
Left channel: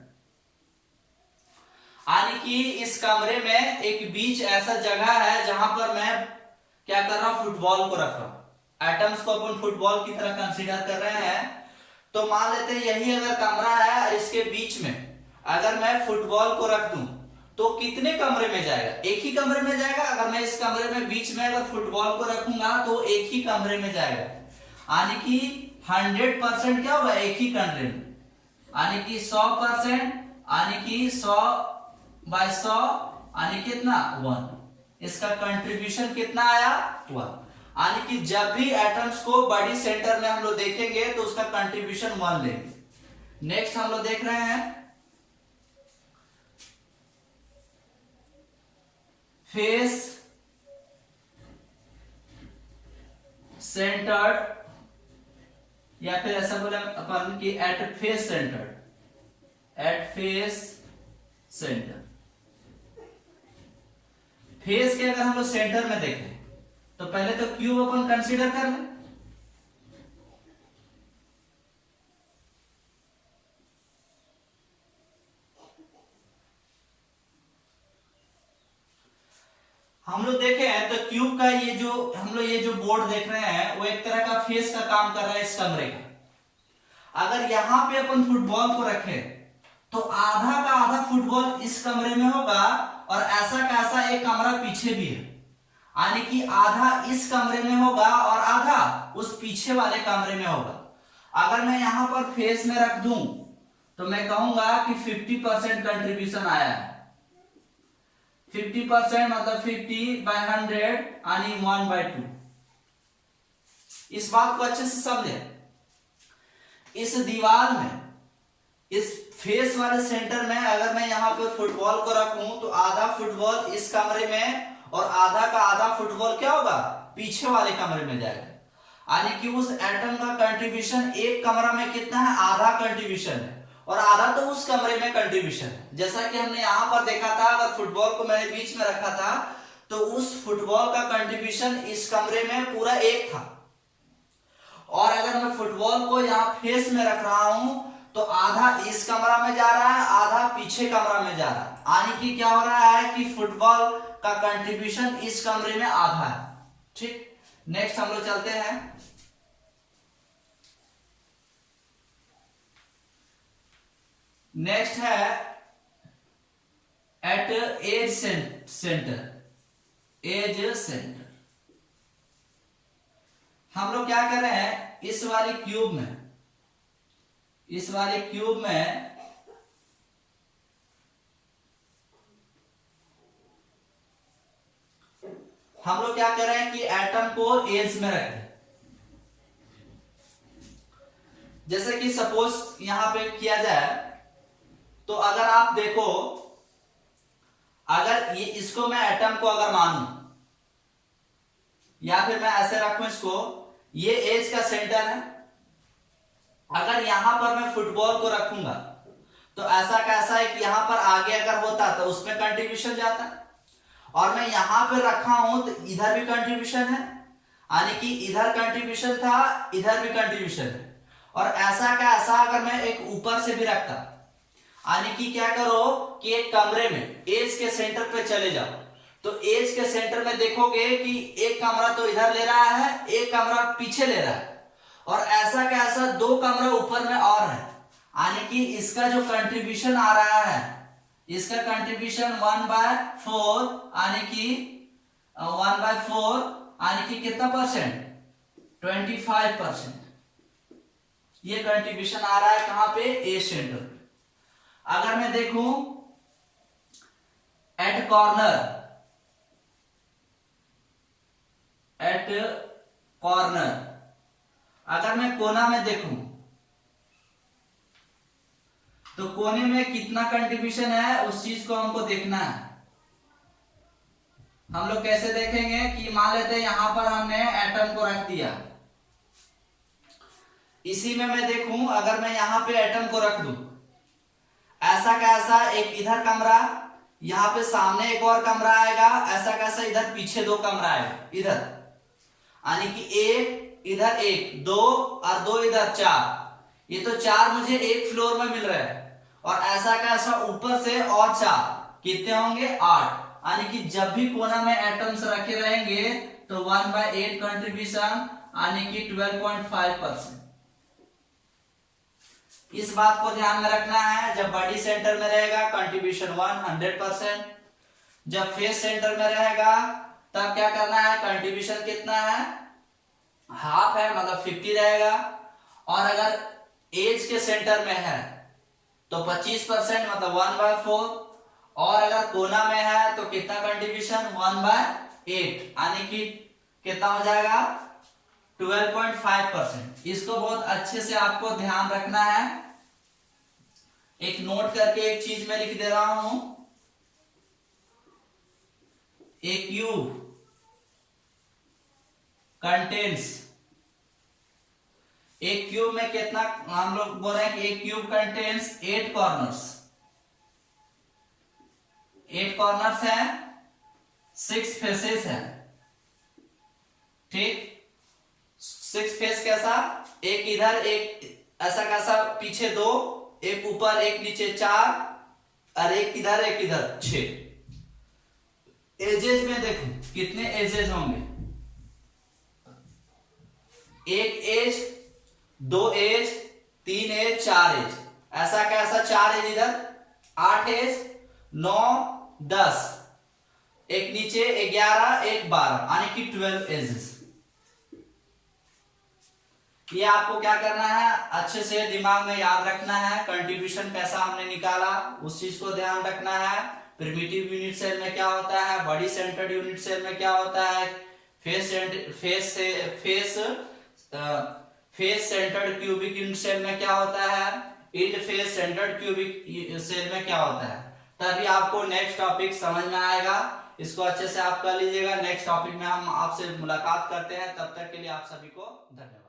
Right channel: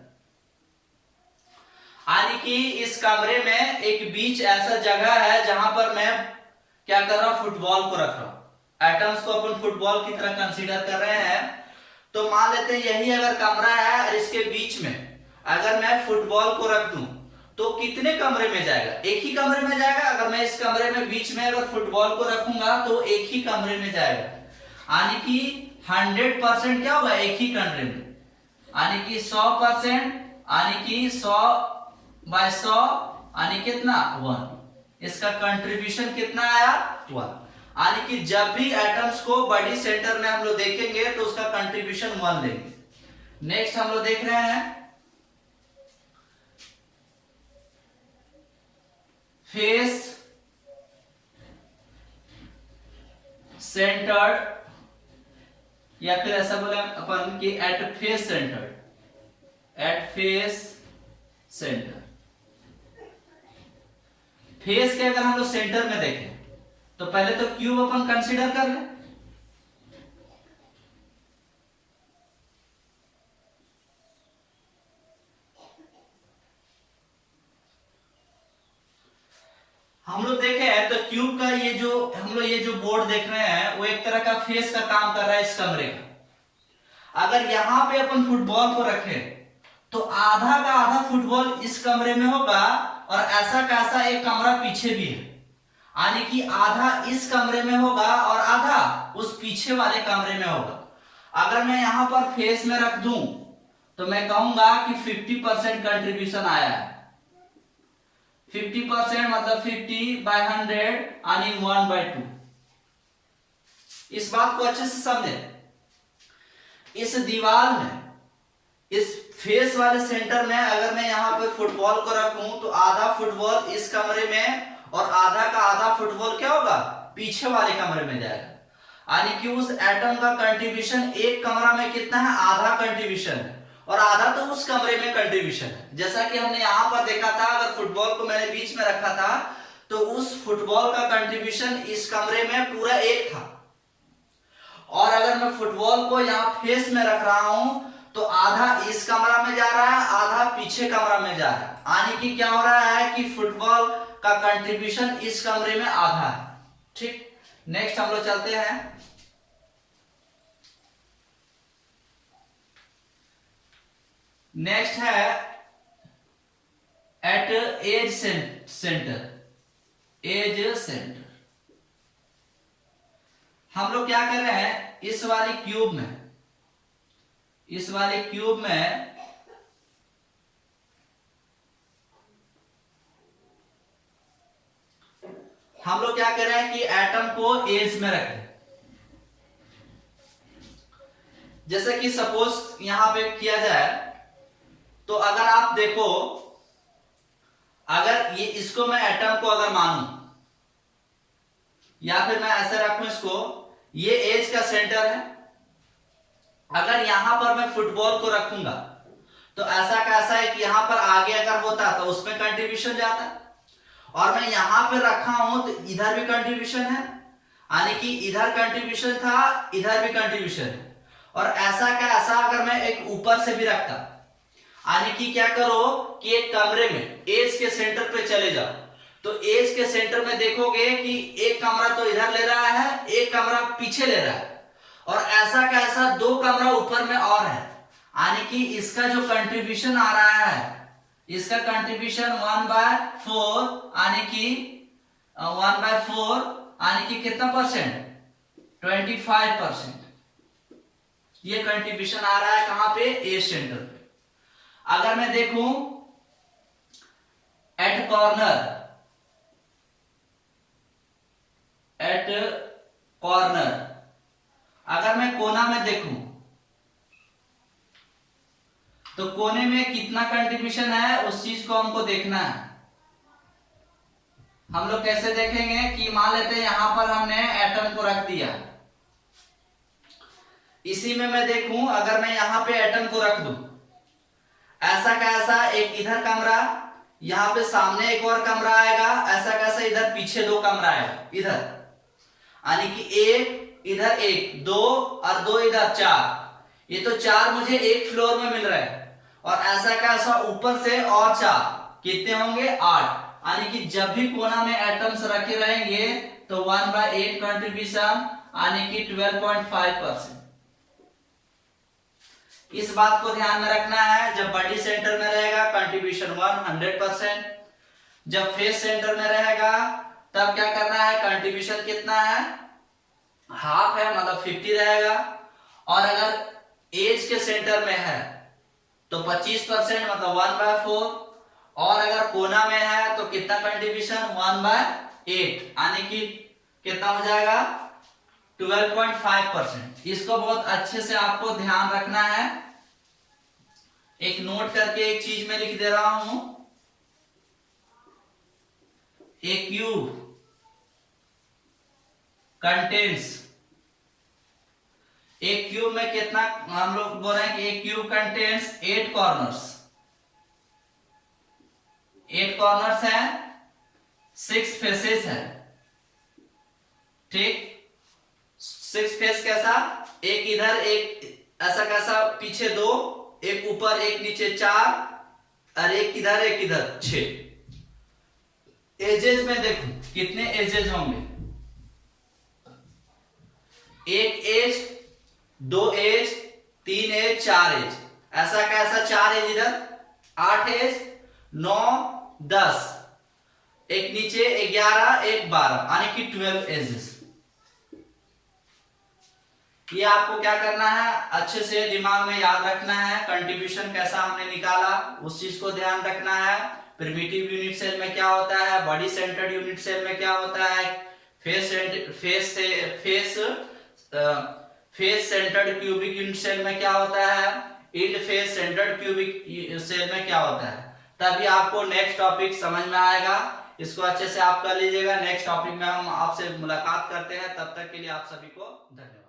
यानी कि इस कमरे में एक बीच ऐसा जगह है जहां पर मैं क्या कर रहा हूं, फुटबॉल को रख रहा हूं। एटम्स को अपन फुटबॉल की तरह कंसीडर कर रहे हैं। तो मान लेते हैं यही अगर कमरा है और इसके बीच में अगर मैं फुटबॉल को रख दूं तो कितने कमरे में जाएगा, एक ही कमरे में जाएगा। अगर मैं इस कमरे में बीच में अगर फुटबॉल को रखूंगा तो एक ही कमरे में जाएगा, यानी कि 100% क्या होगा, एक ही कमरे में, यानी कि 100%, यानी कि 100/100 यानी कितना 1। इसका कंट्रीब्यूशन कितना आया 1, यानी कि जब भी एटम्स को बॉडी सेंटर में हम लोग देखेंगे तो उसका कंट्रीब्यूशन 1 लेंगे। नेक्स्ट हम लोग देख रहे हैं फेस सेंटर्ड, या फिर ऐसा बोले अपन कि एट फेस सेंटर। फेस के अगर हम लोग सेंटर में देखें तो पहले तो क्यूब अपन कंसीडर कर लें। हम लोग देखें तो क्यूब का ये जो बोर्ड देख रहे हैं वो एक तरह का फेस का काम कर रहा है इस कमरे का। अगर यहां पे अपन फुटबॉल को रखें तो आधा का आधा फुटबॉल इस कमरे में होगा और ऐसा का ऐसा एक कमरा पीछे भी है, यानी कि आधा इस कमरे में होगा और आधा उस पीछे वाले कमरे में होगा। अगर मैं यहां पर फेस में रख दूं तो मैं कहूंगा कि 50% कंट्रीब्यूशन आया है। 50% मतलब 50/100 यानी 1/2। इस बात को अच्छे से समझे। इस दीवार में, इस फेस वाले सेंटर में अगर मैं यहां पर फुटबॉल को रखूं तो आधा फुटबॉल इस कमरे में और आधा का आधा फुटबॉल क्या होगा, पीछे वाले कमरे में जाएगा। यानी कि उस एटम का कंट्रीब्यूशन एक कमरा में कितना है, आधा कंट्रीब्यूशन है, और आधा तो उस कमरे में कंट्रीब्यूशन है। जैसा कि हमने यहां पर देखा था, अगर फुटबॉल को मैंने बीच में रखा था तो उस फुटबॉल का कंट्रीब्यूशन इस कमरे में पूरा एक था, और अगर मैं फुटबॉल को यहां फेस में रख रहा हूं तो आधा इस कमरा में जा रहा है, आधा पीछे कमरा में जा रहा है। यानी कि क्या हो रहा है कि फुटबॉल का कंट्रीब्यूशन इस कमरे में आधा है। ठीक, नेक्स्ट हम लोग चलते हैं। नेक्स्ट है एट एज सेंटर। हम लोग क्या कर रहे हैं, इस वाले क्यूब में हम लोग क्या कर रहे हैं कि एटम को एज में रख दें। जैसे कि सपोज यहां पे किया जाए तो अगर आप देखो, अगर ये इसको मैं एटम को अगर मानूं, या फिर मैं ऐसे रखूं इसको, ये एज का सेंटर है, अगर यहां पर मैं फुटबॉल को रखूंगा तो ऐसा कैसा है कि यहां पर आगे अगर होता तो उसमें कंट्रीब्यूशन जाता, और मैं यहां पर रखा हूं तो इधर भी कंट्रीब्यूशन है, यानी कि इधर कंट्रीब्यूशन था, इधर भी कंट्रीब्यूशन है। और ऐसा का ऐसा अगर मैं एक ऊपर से भी रखता, यानी कि क्या करो कि एक कमरे में एज के सेंटर पे चले जाओ, तो एज के सेंटर में देखोगे कि एक कमरा तो इधर ले रहा है, एक कमरा पीछे ले रहा है, और ऐसा का ऐसा दो कमरा ऊपर में और है, यानी कि इसका जो कंट्रीब्यूशन आ रहा है, इसका कंट्रीब्यूशन 1/4, यानी कि 1/4, यानी कि कितना परसेंट, 25%। ये कंट्रीब्यूशन आ रहा है कहां पे, एज सेंटर पे। अगर मैं देखूं एट कॉर्नर, अगर मैं कोना में देखूं तो कोने में कितना कंट्रीब्यूशन है उस चीज को हमको देखना है। हम लोग कैसे देखेंगे कि मान लेते हैं यहां पर हमने एटम को रख दिया, इसी में मैं देखूं अगर मैं यहां पे एटम को रख दूं, ऐसा कैसा एक इधर कमरा, यहां पे सामने एक और कमरा आएगा, ऐसा कैसा इधर पीछे दो कमरा आएगा इधर, यानी कि एक इधर, एक दो और दो इधर, चार। ये तो चार मुझे एक फ्लोर में मिल रहा है, और ऐसा कैसा ऊपर से और चार, कितने होंगे, 8। यानी कि जब भी कोना में एटम्स रखे रहेंगे तो 1/8 कंट्रीब्यूशन, यानी कि 12.5%। इस बात को ध्यान में रखना है, जब बॉडी सेंटर में रहेगा कंट्रीब्यूशन 100%, जब फेस सेंटर में रहेगा तब क्या करना है, कंट्रीब्यूशन कितना है, हाफ है, मतलब 50 रहेगा, और अगर एज के सेंटर में है तो 25%, मतलब 1/4, और अगर कोना में है तो कितना कंट्रीब्यूशन, 1/8, यानी कि कितना हो जाएगा, 12.5%। इसको बहुत अच्छे से आपको ध्यान रखना है। एक नोट करके एक चीज में लिख दे रहा हूं, ए क्यूब कंटेन्स, एक क्यूब में कितना, हम लोग बोल रहे हैं कि एक क्यूब कंटेन्स 8 कॉर्नर्स, 8 कॉर्नर्स है, 6 फेसेस है, ठीक। 6 फेस कैसा, एक इधर, एक ऐसा कैसा पीछे दो, एक ऊपर एक नीचे 4, और एक इधर 6। एजेस में देखो कितने एजेस होंगे, एक एज, 2 एज, 3 एज, 4 एज, ऐसा कैसा 4 एज इधर, 8 एज, 9, 10, एक नीचे 11, एक 12, यानी कि 12 एजेस। ये आपको क्या करना है, अच्छे से दिमाग में याद रखना है, कंट्रीब्यूशन कैसा हमने निकाला उस चीज को ध्यान रखना है। प्रिमिटिव यूनिट सेल में क्या होता है, बॉडी सेंटर्ड यूनिट सेल में क्या होता है, face centred cubic unit cell में क्या होता है, end face centred cubic cell में क्या होता है, तभी आपको नेक्स्ट टॉपिक समझ में आएगा। इसको अच्छे से आप कर लीजिएगा। नेक्स्ट टॉपिक में हम आपसे मुलाकात करते हैं, तब तक के लिए आप सभी को धन्यवाद।